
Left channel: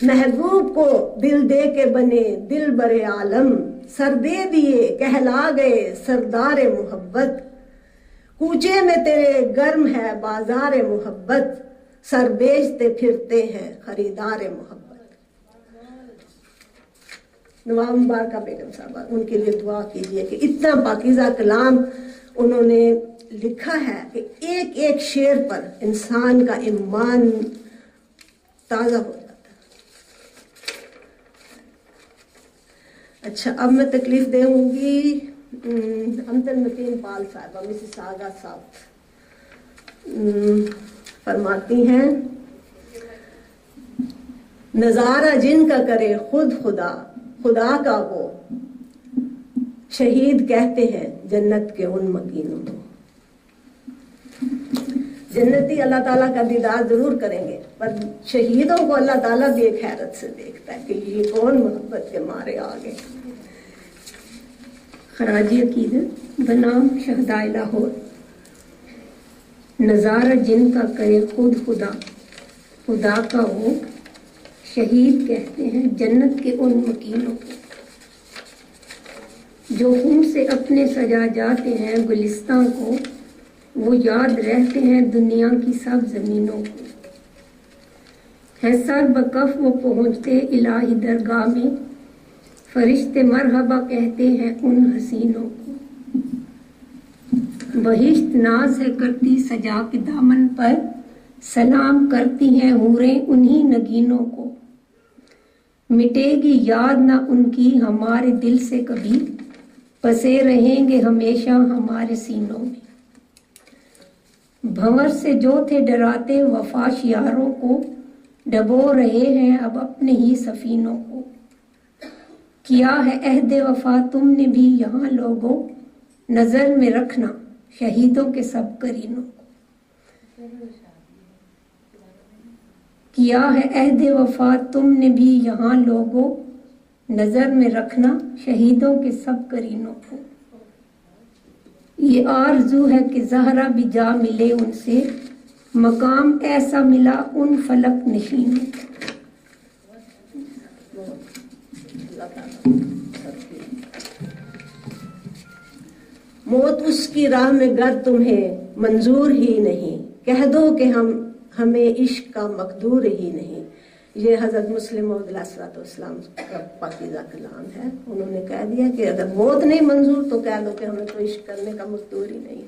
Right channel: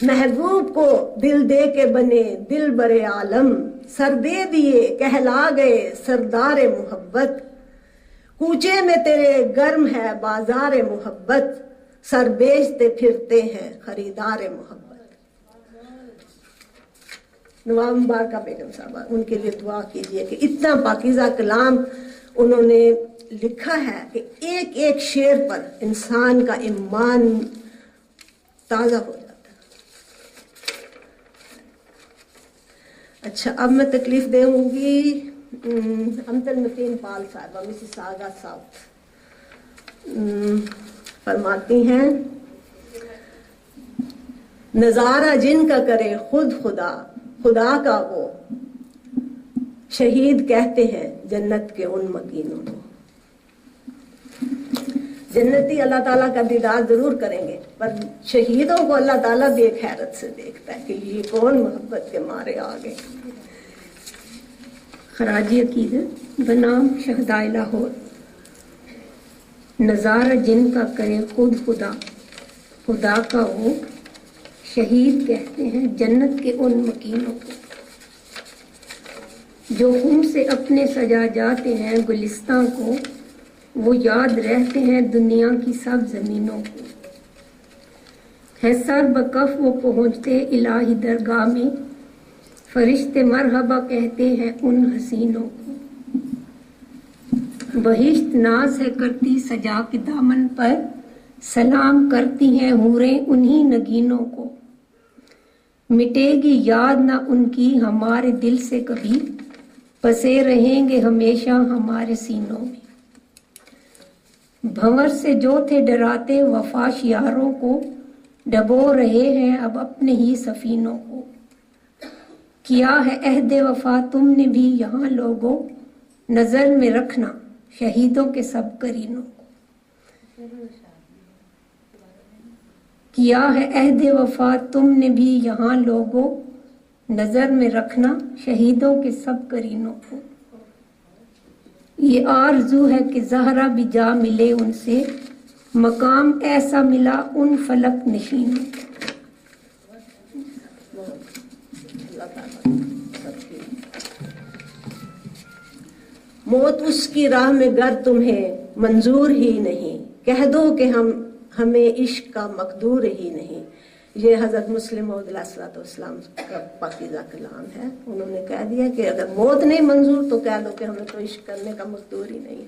محبوب کو دل دے کے بنے دل برے عالم، سر دے دیے کہلا گئے سردار محبت، کوچے میں تیرے گرم ہے بازار محبت، سر بیچتے پھرتے ہیں خریدار محبت۔ نواب مبارکہ بیگم صاحبہ، ان کے لیے دعا کیجئے کہ اتنا پاکیزہ کلام انہوں نے لکھا ہے کہ ایک ایک شعر پر انسان کا ایمان تازہ ہو جاتا ہے۔ اچھا، اب میں تکلیف دوں گی امتن متین پال صاحبہ، مسز ساگا ساؤتھ، فرماتی ہیں، نظارہ جن کا کرے خود خدا، خدا کا وہ شہید کہتے ہیں جنت کے ان مکینوں کو۔ جنتی اللہ تعالیٰ کا دیدار ضرور کریں گے، پر شہیدوں کو اللہ تعالیٰ بھی ایک حیرت سے دیکھتا ہے کہ یہ کون محبت کے مارے آگے۔ خراج عقیدت بنام شہدائے لاہور۔ نظارہ جن کا کرے خود خدا، خدا کا وہ شہید کہتے ہیں جنت کے ان مکینوں کو، جو خون سے اپنے سجا جاتے ہیں گلستاں کو، وہ یاد رہتے ہیں دنیا کی سب زمینوں کو، ہے سر بکف وہ پہنچتے الہی درگاہ میں، فرشتے مرحبا کہتے ہیں ان حسینوں کو، بہشت ناز ہے کرتی سجا کے دامن پر، سلام کرتی ہیں حوریں انہی نگینوں کو، مٹے گی یاد نہ ان کی ہمارے دل سے کبھی، بسے رہیں گے ہمیشہ ہمارے سینوں میں، بھنور سے جو تھے ڈراتے وفاش یاروں کو، ڈبو رہے ہیں اب اپنے ہی سفینوں کو، کیا ہے عہد وفا تم نے بھی یہاں لوگوں، نظر میں رکھنا شہیدوں کے سب کرینوں کو۔ کیا ہے عہد وفا تم نے بھی یہاں لوگوں، نظر میں رکھنا شہیدوں کے سب کرینوں کو. یہ آرزو ہے کہ زہرا بھی جا ملے ان سے، مقام ایسا ملا ان فلک نشینوں کو. موت اس کی راہ میں گر تمہیں منظور ہی نہیں، کہہ دو کہ ہمیں عشق کا مقدور ہی نہیں. یہ حضرت مسلم موعود علیہ الصلوۃ والسلام کا پاکیزہ کلام ہے. انہوں نے کہہ دیا کہ اگر موت نہیں منظور تو کہہ دو کہ ہمیں تو عشق کرنے کا مقدور ہی نہیں.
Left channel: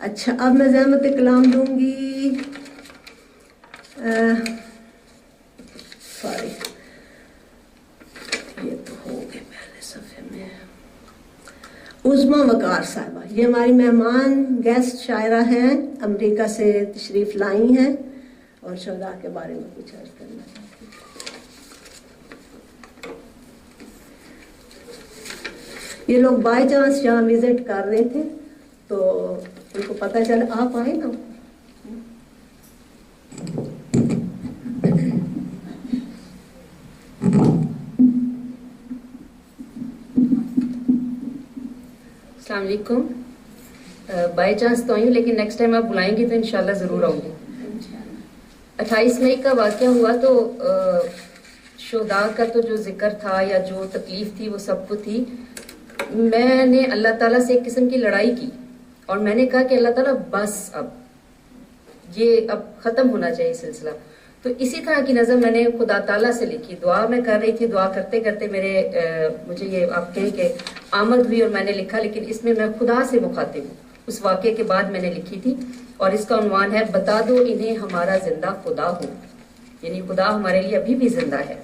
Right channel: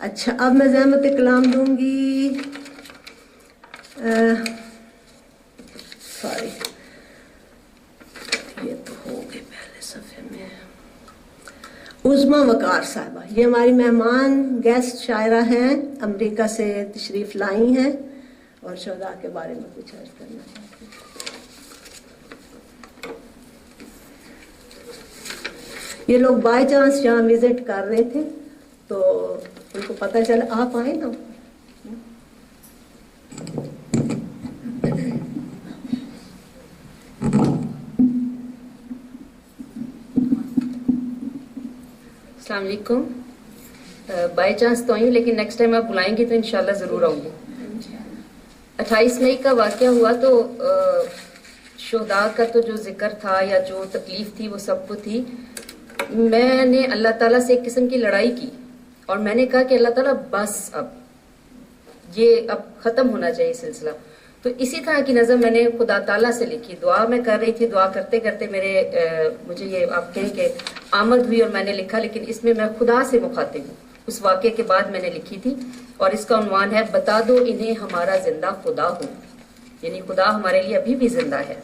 اچھا، اب میں زحمت کلام دوں گی. سوری، یہ تو ہو گئے پہلے صفحے میں. عظما وقار صاحبہ، یہ ہماری مہمان گیسٹ شاعرہ ہیں، امریکہ سے تشریف لائی ہیں اور شہداء کے بارے میں کچھ عرض کرنا چاہتی ہیں. یہ لوگ بائی چانس یہاں وزٹ کر رہے تھے تو ان کو پتہ چلا. آپ آئے نا. السلام علیکم. بائی چانس تو آئی ہوں، لیکن نیکسٹ ٹائم آپ بلائیں گی تو انشاءاللہ ضرور آؤں گی. 28 مئی کا واقعہ ہوا تو شہداء کا تو جو ذکر تھا یا جو تکلیف تھی وہ سب کو تھی. میں نے اللہ تعالیٰ سے ایک قسم کی لڑائی کی اور میں نے کہا کہ اللہ تعالیٰ بس اب یہ اب ختم ہونا چاہیے سلسلہ. تو اسی طرح کی نظم میں نے خدا تعالیٰ سے لکھی. دعا میں کر رہی تھی، دعا کرتے کرتے مجھے یہ آپ کہیں کہ آمد ہوئی اور میں نے لکھا. لیکن اس میں خدا سے مخاطب ہوں. اس واقعے کے بعد میں نے لکھی تھی اور اس کا عنوان ہے بتا دو انہیں ہمارا زندہ خدا ہو. یعنی خدا ہمارے لیے ابھی بھی زندہ ہے.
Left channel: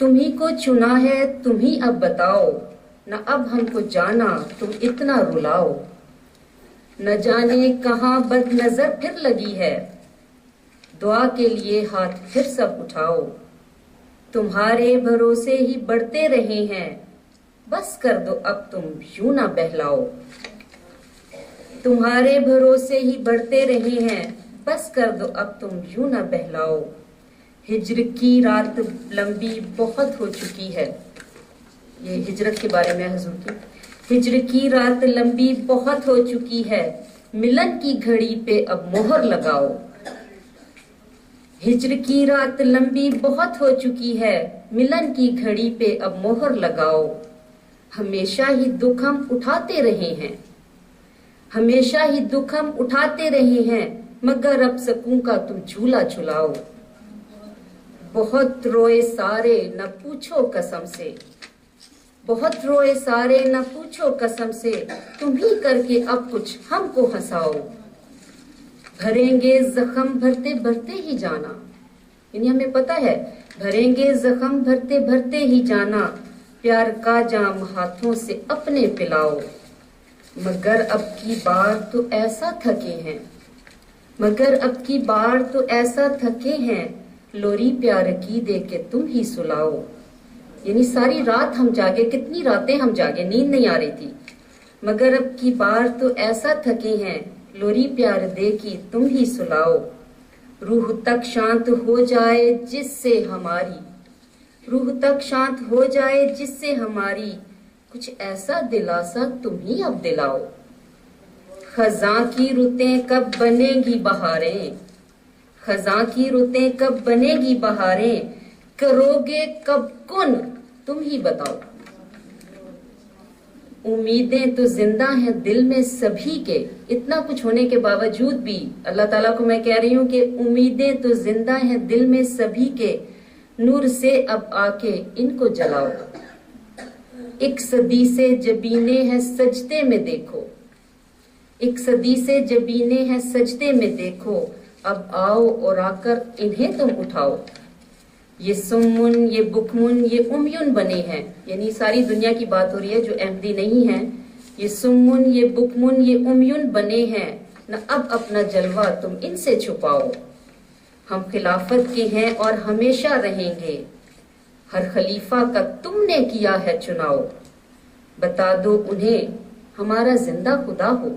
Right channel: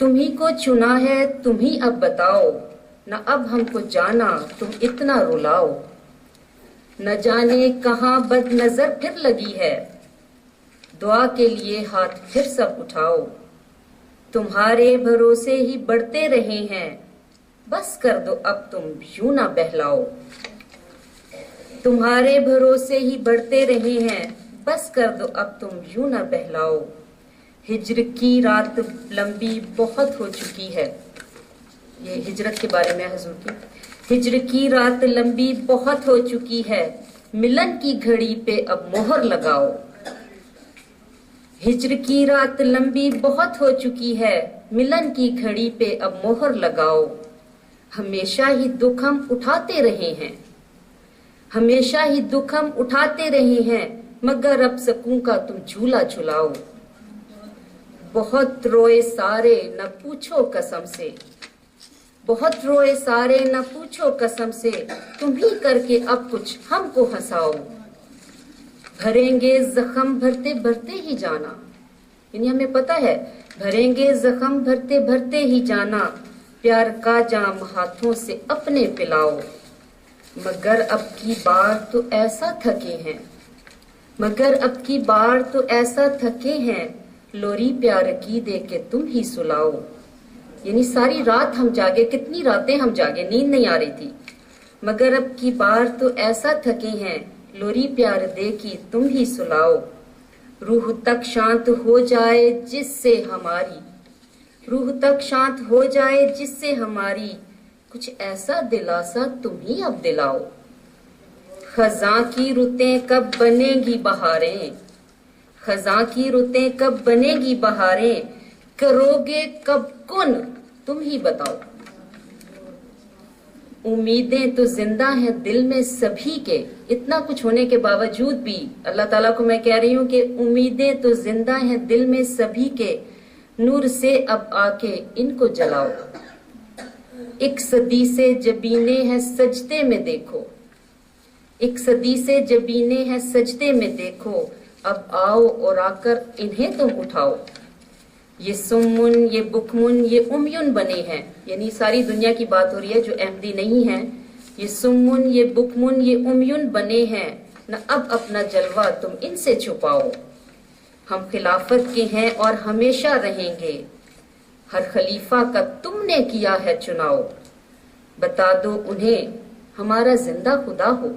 تمہیں کو چنا ہے تمہیں اب بتاؤ، نہ اب ہم کو جانا تم اتنا رلاؤ. نہ جانے کہاں بد نظر پھر لگی ہے، دعا کے لیے ہاتھ پھر سب اٹھاؤ. تمہارے بھروسے ہی بڑھتے رہے ہیں، بس کر دو اب تم یوں نہ بہلاؤ. تمہارے بھروسے ہی بڑھتے رہے ہیں، بس کر دو اب تم یوں نہ بہلاؤ. ہجر کی رات لمبی بہت ہو چکی ہے. یہ ہجرت کے بارے میں حضور کی. ہجر کی رات لمبی بہت ہو چکی ہے، ملن کی گھڑی پہ اب مہر لگاؤ. ہجر کی رات لمبی بہت ہو چکی ہے، ملن کی گھڑی پہ اب مہر لگاؤ. ہمیشہ ہی دکھ ہم اٹھاتے رہے ہیں، ہمیشہ ہی دکھ ہم اٹھاتے رہے ہیں، مگر اب سکوں کا تم جھولا جھلاؤ. بہت روئے سارے نہ پوچھو قسم سے، بہت روئے سارے نہ پوچھو قسم سے، تم ہی کر کے اب کچھ ہم کو ہنساؤ. بھریں گے زخم بھرتے بھرتے ہی جانا. یعنی ہمیں پتہ ہے بھریں گے زخم بھرتے بھرتے ہی جانا، پیار کا جام ہاتھوں سے اپنے پلاؤ. مگر اب کی بار تو ایسا تھکے ہیں، مگر اب کی بار تو ایسا تھکے ہیں، لوری پیار کی دے کے تم ہی سلاؤ. یعنی ساری رات ہم جاگے، کتنی راتیں ہم جاگے، نیند نہیں آ رہی تھی. مگر اب کی بار تو ایسا تھکے ہیں، لوری پیار دے کی تم ہی سلاؤ. روح تک شانت ہو جائے جس سے ہماری، روح تک شانت ہو جائے جس سے ہماری، کچھ ایسا دلاسا تم ہی اب دلاؤ. خزاں کی رتیں کب بنے گی بہاریں، خزاں کی رتیں کب بنے گی بہاریں، کرو گے کب کن تم ہی بتاؤ. امیدیں تو زندہ ہیں دل میں سبھی کے. اتنا کچھ ہونے کے باوجود بھی اللہ تعالیٰ کو میں کہہ رہی ہوں کہ امیدیں تو زندہ ہیں دل میں سبھی کے، نور سے اب آ کے ان کو جلاؤ. ایک صدی سے جبینے ہیں سجدے میں دیکھو، ایک صدی سے جبینے ہیں سجدے میں دیکھو، اب آؤ اور آ کر انہیں تم اٹھاؤ. یہ سمن یہ بکمن یہ امیون بنے ہیں. یعنی ساری دنیا کی بات ہو رہی ہے جو احمدی نہیں ہیں. یہ سمن یہ بکمن یہ امیون بنے ہیں، نہ اب اپنا جلوہ تم ان سے چھپاؤ. ہم خلافت کے ہیں اور ہمیشہ رہیں گے، ہر خلیفہ کا تم نے کیا ہے چناؤ. بتا دو انہیں ہمارا زندہ خدا ہو.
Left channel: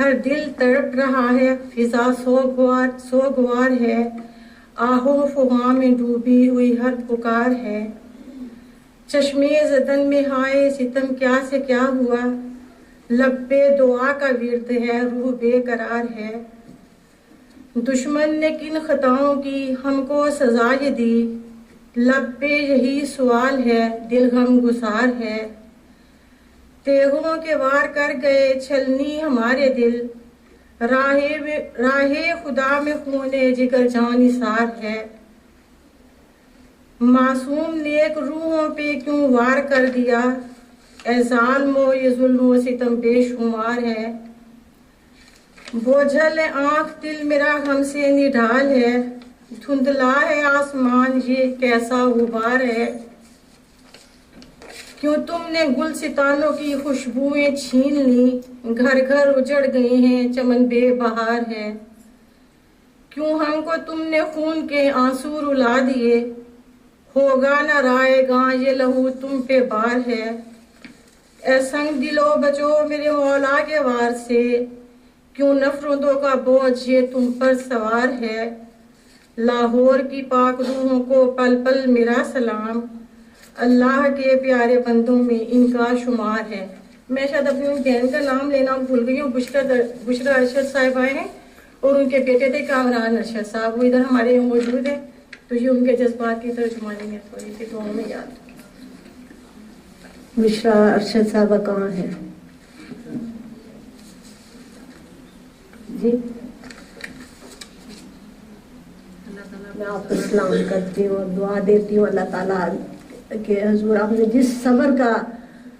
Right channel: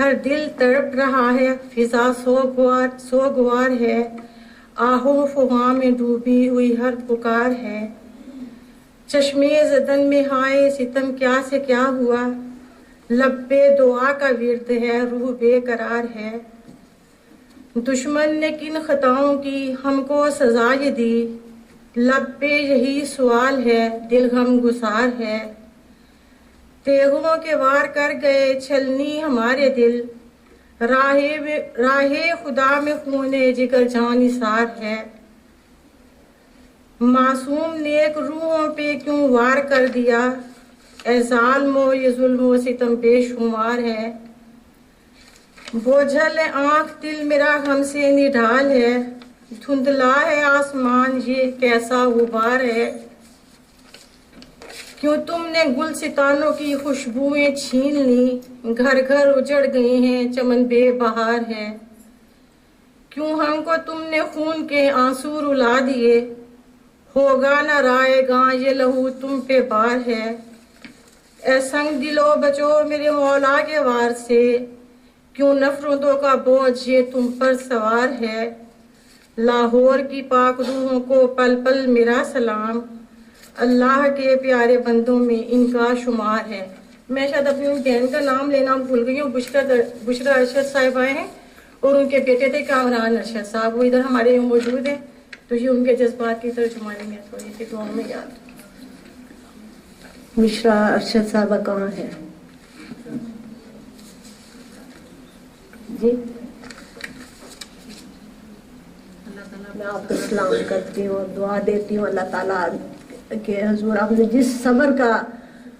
ہر دل تڑپ رہا ہے، فضا سوگوار ہے، آہو فغاں میں ڈوبی ہوئی ہر پکار ہے۔ چشمے زدن میں ہائے ستم کیا سے کیا ہوا، لب پہ دعا کا ورد ہے، روح بے قرار ہے۔ دشمن نے کن خطاؤں کی ہم کو سزا یہ دی، لب پہ یہی سوال ہے، دل غم گسار ہے۔ تیغوں کے وار کر گئے چھلنی ہمارے دل، راہ خدا میں خون جگر جان نثار ہے۔ معصوم نیک روحوں پہ کیوں وار کر دیا، اے ظالم و یہ ظلم و ستم بے شمار ہے۔ بوجھل آنکھ دل میرا غم سے نڈھال ہے، دھندلا ہے آسمان یہ کیسا غبار ہے۔ کیوں تم نے گل ستانوں کی خوشبوئیں چھین لی، گھر گھر اجڑ گئے ہیں چمن بے بہار ہے۔ کیوں ہم کو تم نے خون کے آنسو رلا دیے، ہوگا نہ رائے گاں یہ لہو تم پہ بار ہے۔ اے سنگ دلو بچو میرے مولا کے وار سے، کیوں نفرتوں کا بوجھ یہ تم پر سوار ہے۔ لاہور کی پاک روحوں کو پل پل میرا سلام، اللہ کے پیارے بندوں میں ان کا شمار ہے۔ میں شاید اپنی بہن کا نام لینا بھول گئی ہوں، بشرا ارشد صاحبہ ہیں، اور ان کے بیٹے تھے کامران ارشد صاحب، وہ ادھر ہمارے یہاں موجود ہیں، تو یہ ان کے جذبات کی ترجمانی میں تھوڑی سی دعاؤں میں یاد رکھیں۔ بشرا ارشد صاحبہ کہاں ہے؟ جی میں آپ کو سلام کرتی ہوں اور دعا دیتی ہوں اللہ تعالیٰ کہ حضور آپ نے جس صبر کا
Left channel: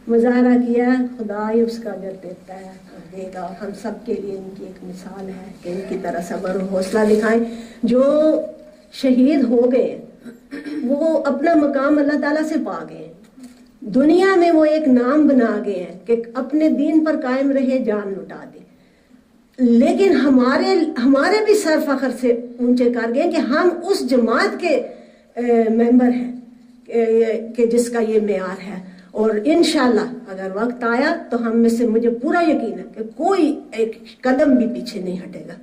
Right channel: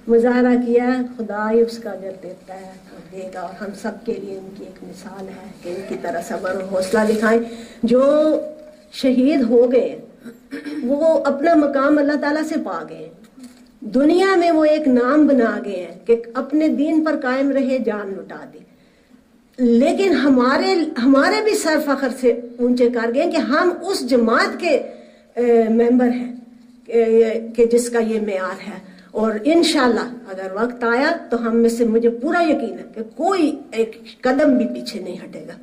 مظاہرہ کیا ہے خدا ہی اس کا اجر دیتا ہے اور دے گا، اور ہم سب کے لیے ان کی ایک مثال ہے کہ ان کی طرح صبر و حوصلہ دکھائیں۔ جو شہید ہو گئے وہ اپنا مقام اللہ تعالیٰ سے پا گئے، دنیا میں وہ ایک نام بنا گئے ہیں کہ اپنے دین پر قائم رہے، جان لٹا دی، لیکن ہمارے بھی سر فخر سے اونچے کر گئے کہ ہم اس جماعت کے ممبر ہیں کہ جس کا یہ معیار ہے، اور انشاءاللہ اگر وقت آیا تو ہم میں سے مجھے پورا یقین ہے کہ کوئی ایک قدم بھی پیچھے نہیں ہٹے گا۔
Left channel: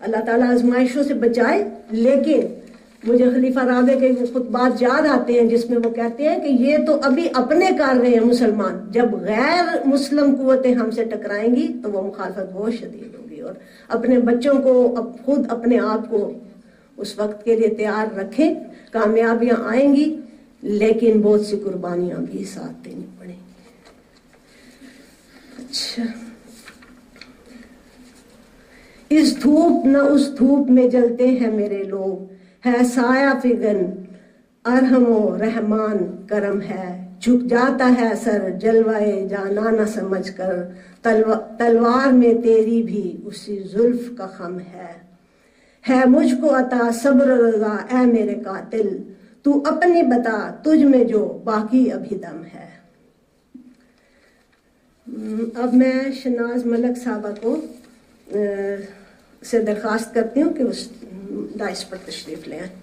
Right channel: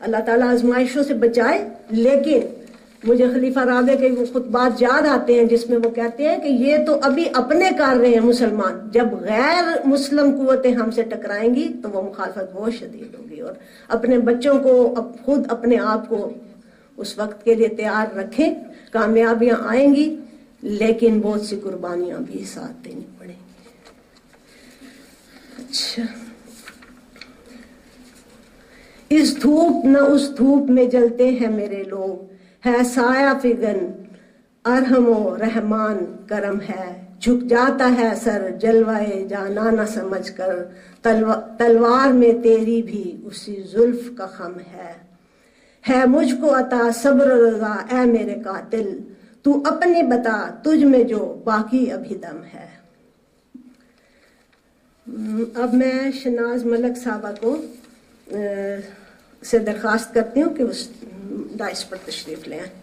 اللہ تعالیٰ آزمائشوں سے بچائے، لیکن مجھے خلیفہ رابع کے وہ خطبات یاد آتے ہیں جس میں وہ کہتے ہیں کہ یہ تو ابھی اپنے کر رہے ہیں مسلمان، جب غیر مسلم قوتیں ہم سے ٹکرائیں گی تو وہ مخالفت بہت شدید ہوگی، اور اپنے بچوں کو خود اپنے آپ کو اس وقت کے لیے تیار رکھیں۔ کامیابیاں آئیں گی لیکن بہت سی قربانیاں بھی ساتھ دینی پڑیں گی۔ اچھا، اس دھوپ نہ اس دھوپ میں جلتے ہیں میرے لوگ، ہے سایہ فگن ارحم و رحمان کرم ہے، جھک جاتا ہے سر جلوائے جانا نہ سمجھ کر، تلوار میں تیری بھی اسی زلف کا خم ہے مجھ کو عطا صبر و رضا اے میرے قاتل، تو اپنی بتا تجھ میں جو باقی ابھی دم ہے۔ اب میں شناز ملک صاحبہ کو سے درخواست کرتی ہوں کہ اس دائس پر تشریف لے آئیں۔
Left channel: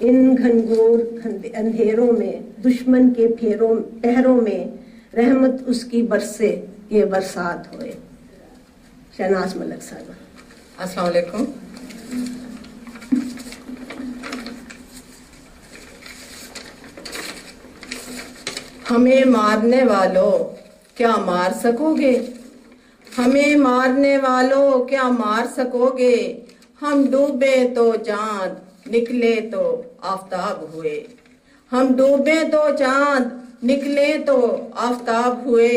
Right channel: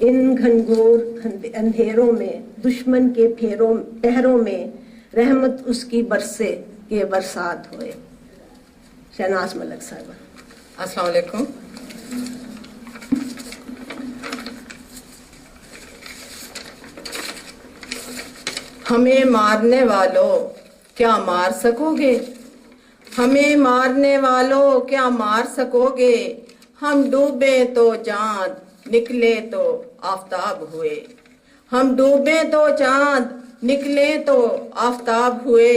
ان گھنگور اندھیروں میں دشمن کے پہروں میں رحمت اس کی برسے کہ برسات ہوئے۔ شہناز ملک صاحبہ۔ السلام علیکم۔ ہمیں مارنے والوں کیا مار سکو گے، ہمیں مارنے والوں کیا مار سکو گے، ہم ڈوبے تو چاند نکلے تو آفتاب ہوئے، ہم ڈوبے تو چاند نکلے تو آفتاب ہوئے،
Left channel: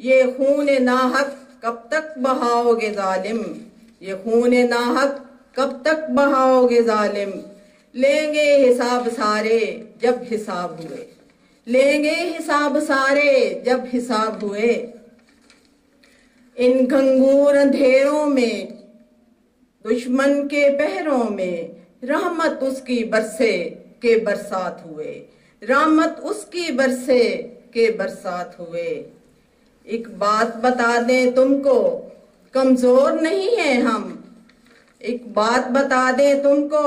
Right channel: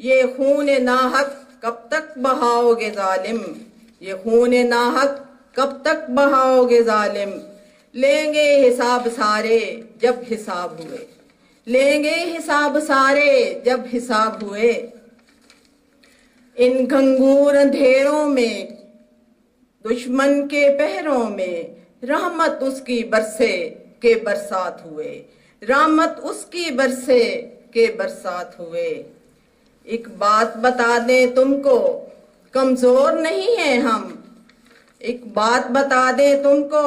یہ خون ناحق کب تک بہاؤ گے ظالم، یہ خون ناحق کب تک بہاؤ گے ظالم، لیں گے حساب سارے جب حساب ہوئے، لیں گے حساب سارے جب حساب ہوئے، ان گھنگور اندھیروں میں دشمن کے پہروں میں رحمت اس کی برسے کہ برسات ہوئے، رحمت اس کی برسے کہ برسات ہوئے۔ ایک بات بتا دیں تم کو کمزور نہیں ہیں ہم، ایک بات بتا دیں تم کو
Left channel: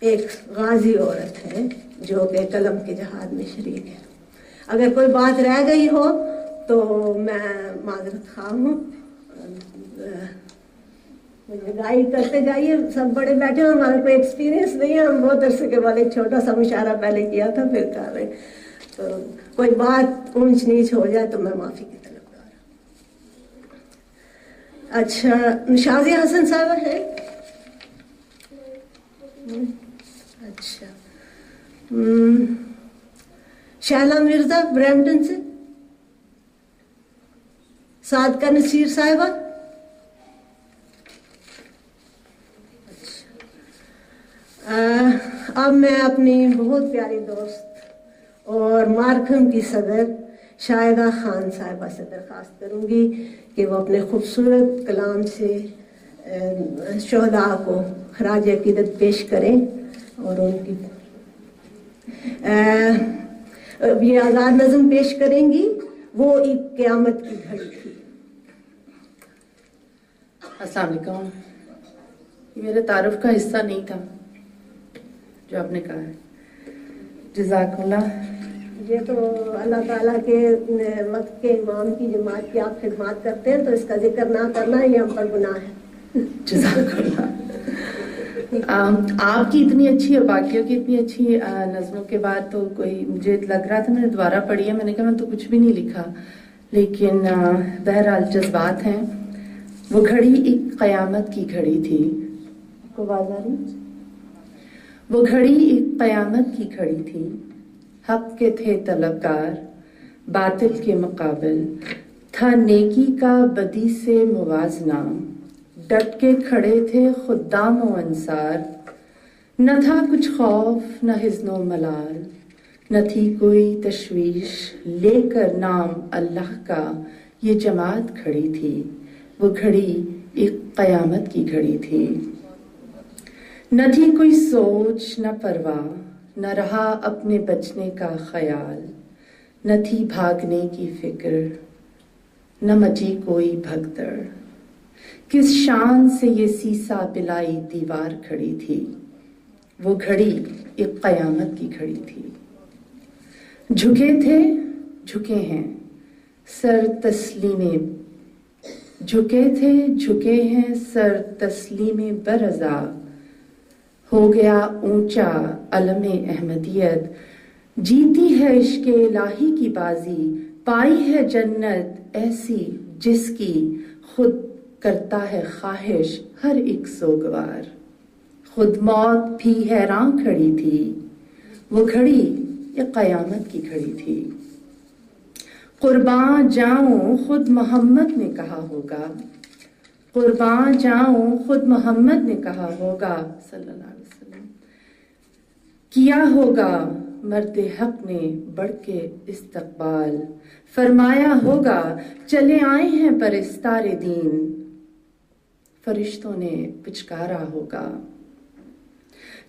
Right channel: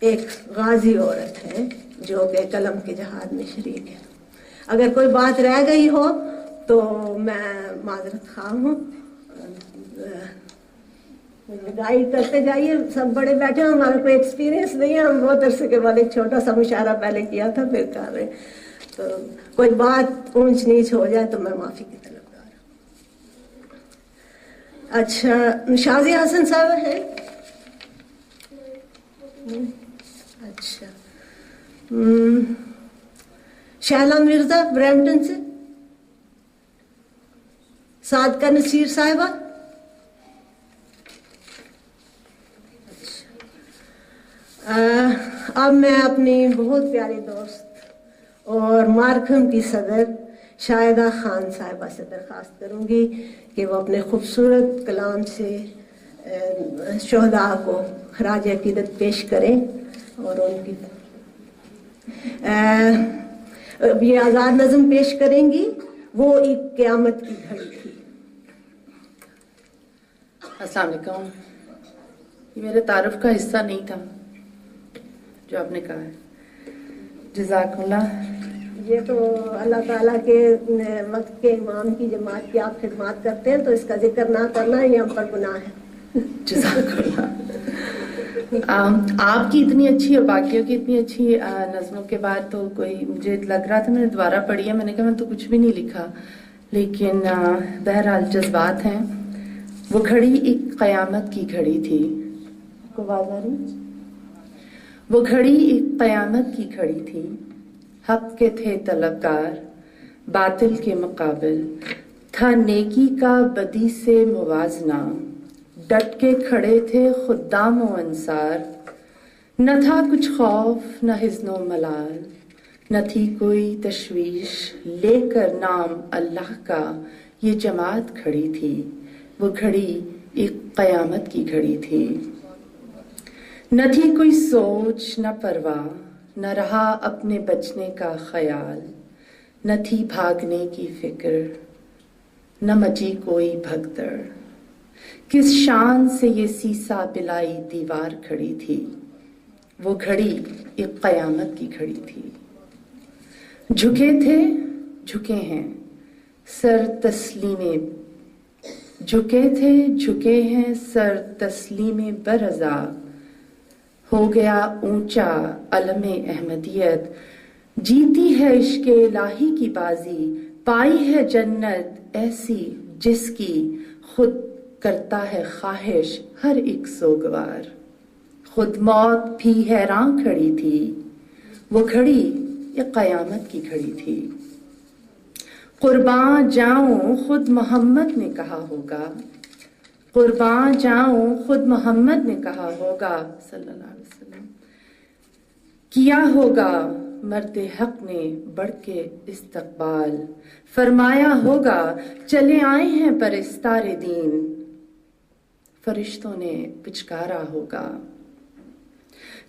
ایک غازی عورت ہے جو کہ قلم کے جہاد میں شریک ہے. اگر کوئی بات رہ گئی ہو تو میں معذرت خواہ ہوں. مجھے گائیڈ کرتے جائیے. سب بڑے بیٹھے ہیں, ہمارا کوئی ایکسپیرینس نہیں ہے, ہم بہت عرصے کے بعد ایک چھوٹا سا مشاعرہ پہلے کیا تھا پھر کر رہے. تو کوئی بات اونچ نیچ ہو جائے تو میں معافی کی طلبگار ہوں. اچھا, شازیہ حسن صاحب ہے. اچھا, شہلا مرزا برمپٹن سے. صادقہ نصیر صاحبہ. اب میں اپنی بہت پیاری دوست اور مارکھم کی صدر شاہدہ خان صاحبہ سے درخواست کروں گی کہ وہ اپنے خوبصورت کلام سے شہداء کو خراج عقیدت پیش کریں. اور ان کی یہ آزاد نظم پیش کریں گی, وہ ایک قیامت کی گھڑی تھی. السلام علیکم. یہ میرے تعارف کا حصہ نہیں تھا جو آپ نے کہا ہے. جزاک اللہ. یہ تو اللہ تعالیٰ کے وقت کے امام کی جماعت کی آپ خدمات کرتے ہیں تو اس کا ذکر نہ کرنا یہ ہم پر گناہ ہے. جزاک اللہ. آپ کی اتنی اچھی اور باقیوں کی اتنی اچھی نظموں کے بعد تو کوئی مجھے لگ رہا تھا, میں نے دوبارہ پڑھی ہے, میں نے کہا میں تو کچھ بھی نہیں لکھا, لیکن بہرحال جذبات ہیں. وہ گھڑی ایک قیامت کی گھڑی تھی. کو آواز آ رہی؟ وہ گھڑی ایک قیامت کی گھڑی تھی. حق کے تھے طلبگار, باطل کے مقابل تھا نیکی کا بدی سے موازنہ. ڈٹ کے کھڑے تھے خدام و انصار, نہ تھا کچھ خوف نہ حزن و ملال. نہ تھی کوئی تشویش, لے کر نام اللہ کا یہ جماعت کھڑی تھی. وہ گھڑی ایک قیامت کی گھڑی تھی. نہ تھی کوئی سوچ نہ پرواہ, نہ رہا اپنے بچنے کا خیال. نہ تھی بھاگنے کی فکر, نہ مچی کوئی بھگدڑ. کس شان سے یہ سیسا پلائی دیوار کھڑی تھی. وہ گھڑی ایک قیامت کی گھڑی تھی. جھکے تھے جھکے ہیں سر تسلیمے, جھکے تھے جھکے ہیں سر تسلیم برضا. ہو گیا اونچا علم احمدیت, جیتی ہے عشق الہی کی بازی. پائی ہے جنت ایسی جس کی خود کرتا ہے خواہش ہر ایک سوگوار. خود موت بھی حیران کھڑی تھی. وہ گھڑی ایک قیامت کی گھڑی تھی. قرباں جاؤں خود محمد نے کہا ہوگا, قرباں جاؤں خود محمد نے کہا ہوگا صلی اللہ علیہ وسلم. کیا ہوگا مرد حق نے بڑھ کے استقبال. فرمایا ہوگا چلے آئے ہیں پرستار دین. فرشتوں نے پچکارا ہوگا.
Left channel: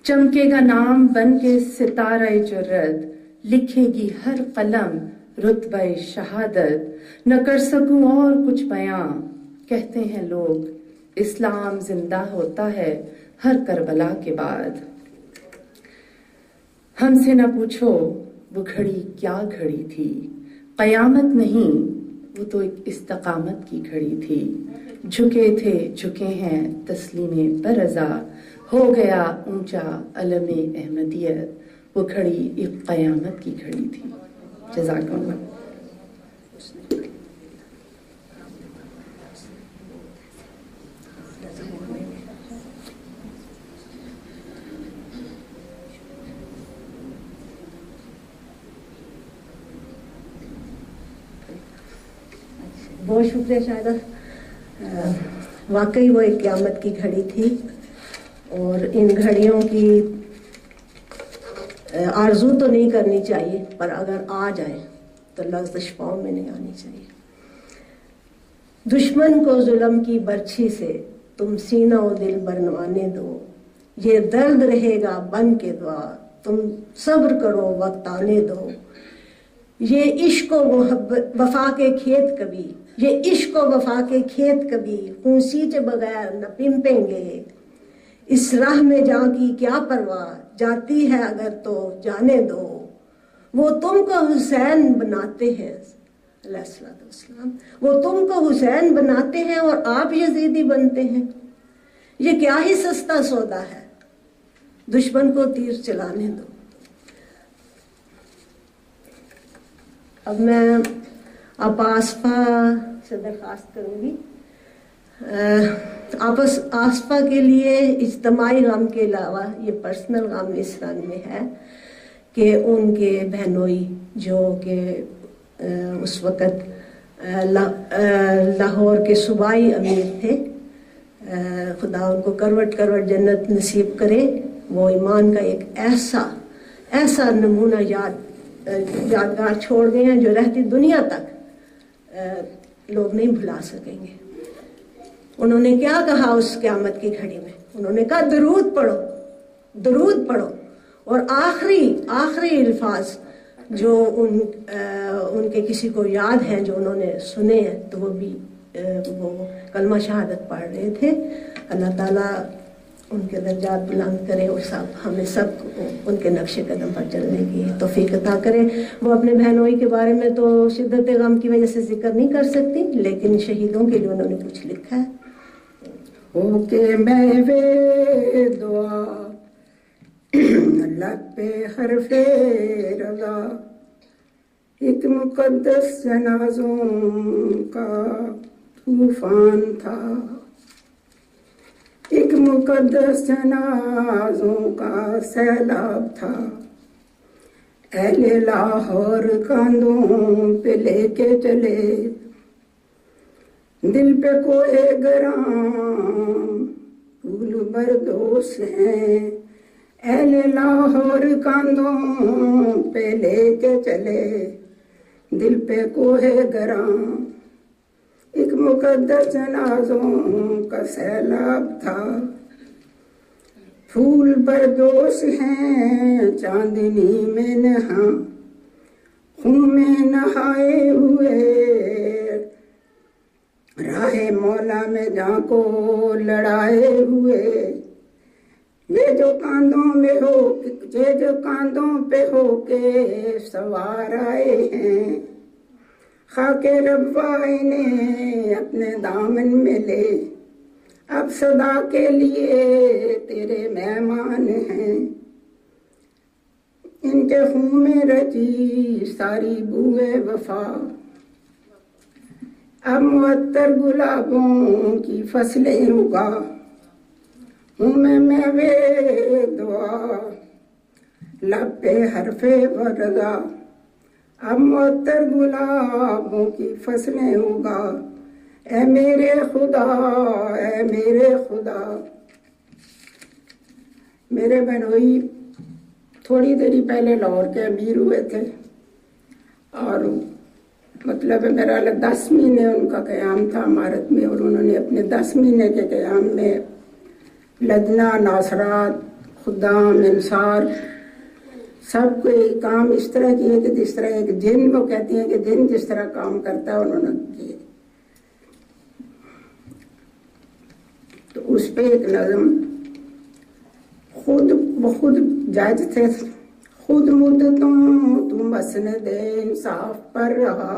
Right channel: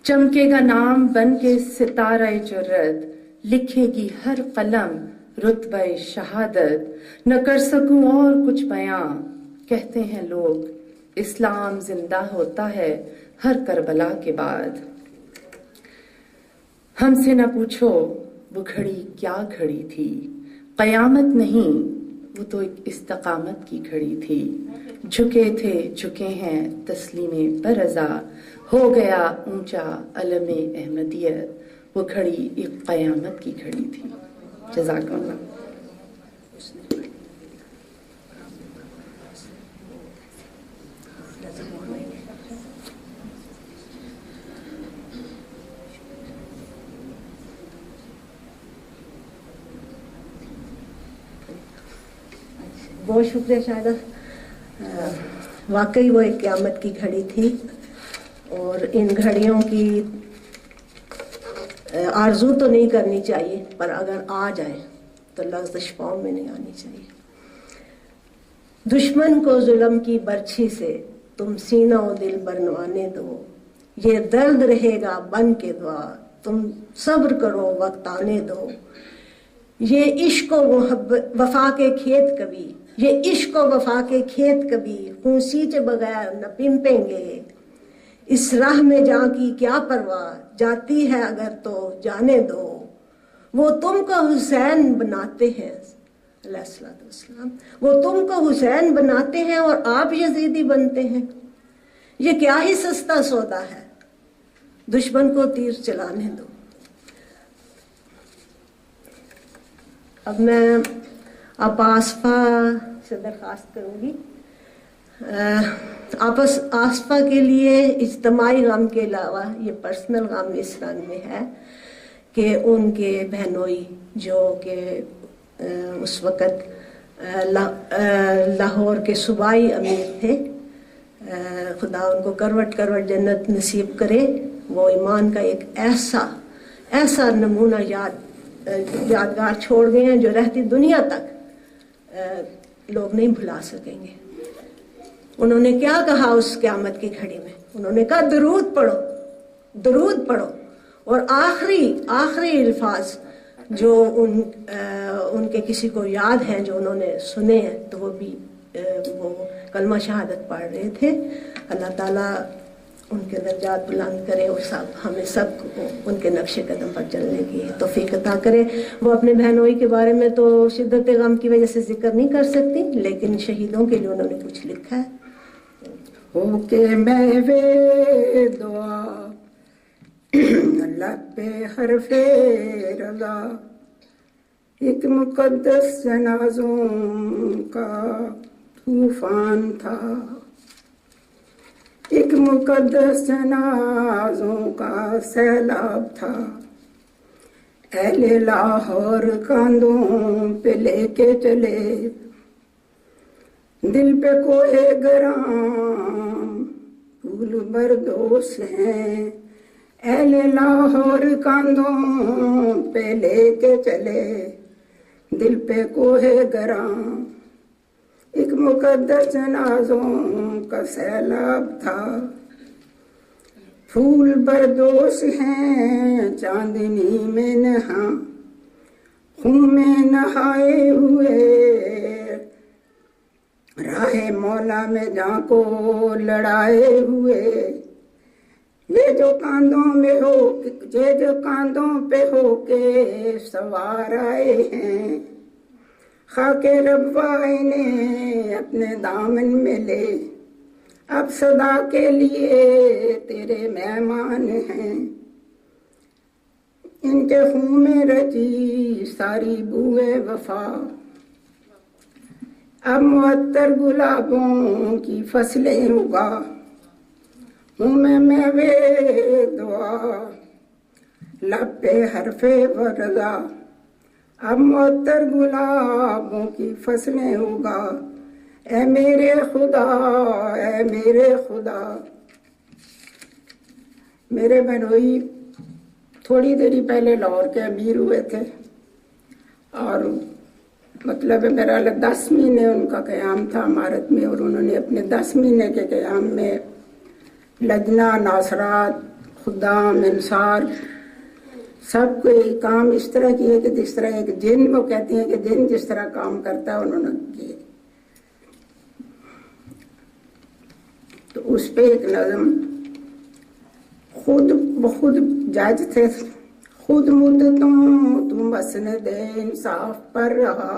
چمکے گا نام بن کے ستارہ جرت, لکھے گی ہر قلم رتبہ شہادت. نہ کر سکوں اور کچھ بیاں, کہتے ہیں لوگ اسلام زندہ ہوتا ہے ہر کربلا کے بعد. ہم سے نہ پوچھو وہ گھڑی کیا گھڑی تھی. قیامت نہیں وہ تو ایک استقامت کی گھڑی تھی. جھکے تھے جھکے ہیں تسلیم برضا. ہو گیا اونچا علم احمدیت. وہ گھڑی ایک قیامت کی گھڑی تھی. جزاک اللہ. بہت شکریہ شاہدہ. واقعی وہ ایک قیامت کی گھڑی تھی اور ان گھڑیوں کی آرزو تو نہیں کرنی چاہیے, پر اگر آ جائے تو لغزش پاؤں میں نہیں آنی چاہیے. دشمن کو ظلم کی برچھی سے تم سینہ و دل برنوانے دو. یہ درد رہے گا بن کے دعا, تم صبر کرو وقت آنے دو. یہ عشق و محبت وفا کے کھیت کبھی, یہ عشق و وفا کے کھیت کبھی خون سینچے بغیر نہ پنپیں گے. اس راہ میں جاں کی کیا پرواہ، جاتی ہے اگر تو جانے دو، وہ تم کو حسین بناتے ہیں علیہ الصلوۃ والسلام، وہ تم کو حسین بناتے ہیں اور آپ یزیدی بنتے ہیں، یہ کیا ہی سستا سودا ہے، دشمن کو تیر چلانے دو۔ اب میں آپ آصفہ سے درخواست کروں گی، آصفہ کے لیے اجتماعی غم کے علاوہ یہ پرسنل غم اس رنگ میں ہے کہ ان کے بہنوئی جو کہ اس وقت لاہور کے صوبائی امیر تھے، خدا ان کو کروٹ کروٹ جنت نصیب کرے، وہ ایمان کا ایک ایسا نمونہ یادگار چھوڑ گئے ہیں جو رہتی دنیا تک لوگ نہیں بھلا سکیں گے۔ انہوں نے کیا کہا اس قیامت کی گھڑی میں؟ انہوں نے کہا درود پڑھو، درود پڑھو، اور آخری الفاظ جو ان کے کسی کو یاد ہیں جو انہوں نے سنے ہیں تو وہ کلمہ شہادت پڑھ رہے تھے۔ اللہ تعالیٰ ان کے درجات بلند کرے اور ہمیں سب کو ان کے نقش قدم پر چلنے کی توفیق عطا کرے۔ وہ اپنے بہنوئی کے بارے میں تو شدت غم کی وجہ سے ذکر نہیں کر سکتی، لیکن شہیدوں کے لیے انہوں نے کچھ لکھا ہے۔ ہو کے محوے دعا اللہ پہ حرف رضا، ایک مقدس جنازوں کا طوفان تھا، ایک مقدس جنازوں کا سیلاب تھا، اہل لاہور کاندھوں پہ لے کے چلے، دل پہ کوئے گرام پھول بردوش ہیں، اہل لاہور کاندھوں پہ لے کے چلے، دل پہ کوئے گرام، ایک مقدس جنازوں کا سیلاب تھا، پھول بردوش ہیں چاندنی میں نہاں، خون میں نہائے ہوئے، راہ مولا میں جاں کو لڑائے ہوئے، یہ جو کاندھوں پہ ہو کے سوار آئے ہیں، خاک ربائی نے اپنے دامن میں لے، اب صدا کے لیے تیرے مہمان ہیں، ان کے خون میں رچی ساری بوئے وفا، اب معطر گلابوں کی فصلیں اگا، ہوں میں میوے دعا لب پہ حرف وردا، اب معطر گلابوں کی فصلیں اگا، اے میرے خدا، اے میرے خدا۔ میرے بہنوئی تھوڑی دیری پہلے لاہور کے امیر ہوئے تھے، اور مطلب میرا 10 مہینے ان کا قیام تھا عمارت میں، اور انہوں نے اپنے 10 مہینے کے قیام میں لدنا، ناصرات، خدام، انصار، سب کو ایک کام اس طرح کیے کہ جس طرح ایک جن، وہ کہتی ہیں کہ جن جس طرح کام کرتا ہے انہوں نے کیے۔ تو اس پہ ایک نظم خود جج تھے، خود مدتوں تو مسند انصاف پر رہا،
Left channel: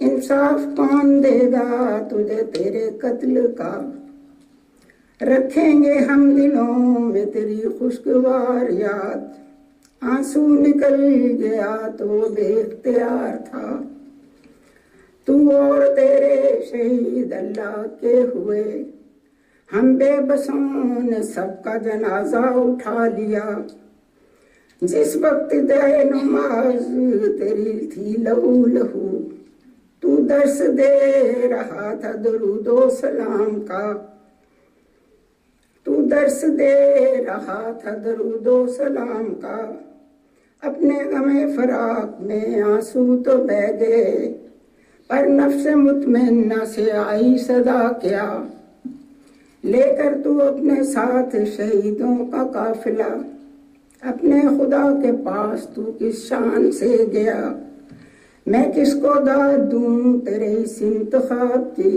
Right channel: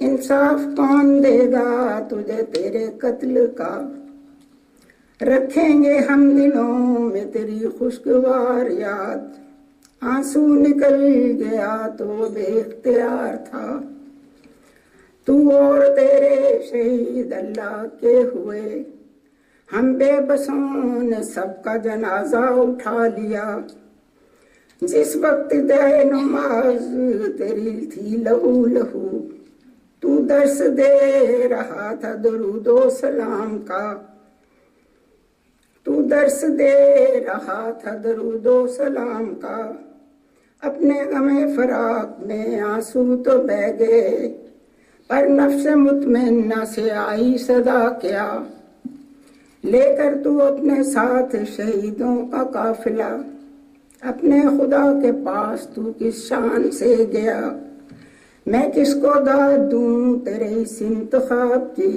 انصاف کون دے گا تجھے تیرے قتل کا، رکھیں گے ہم دلوں میں تیری خوشگوار یاد، آنسو نکل گیا تو بے اختیار تھا، تو اور تیرے شہید اللہ کے ہوئے، ہم بے بسوں نے سب کا جنازہ اٹھا لیا، جس وقت دے نماز تیری تھی لہو لہو، تو درس دے رہا تھا درود و سلام کا، تو درس دے رہا تھا درود و سلام کا، اپنے غم فراق میں آنسو تو بہہ گئے، پر نفس مطمئنہ سے آئی صدا کیا، لے کر تو اپنے ساتھ شہیدوں کا قافلہ، اپنے خدا کے پاس تو کس شان سے گیا، میں کس کو داد دوں تیرے اس انتخاب کی،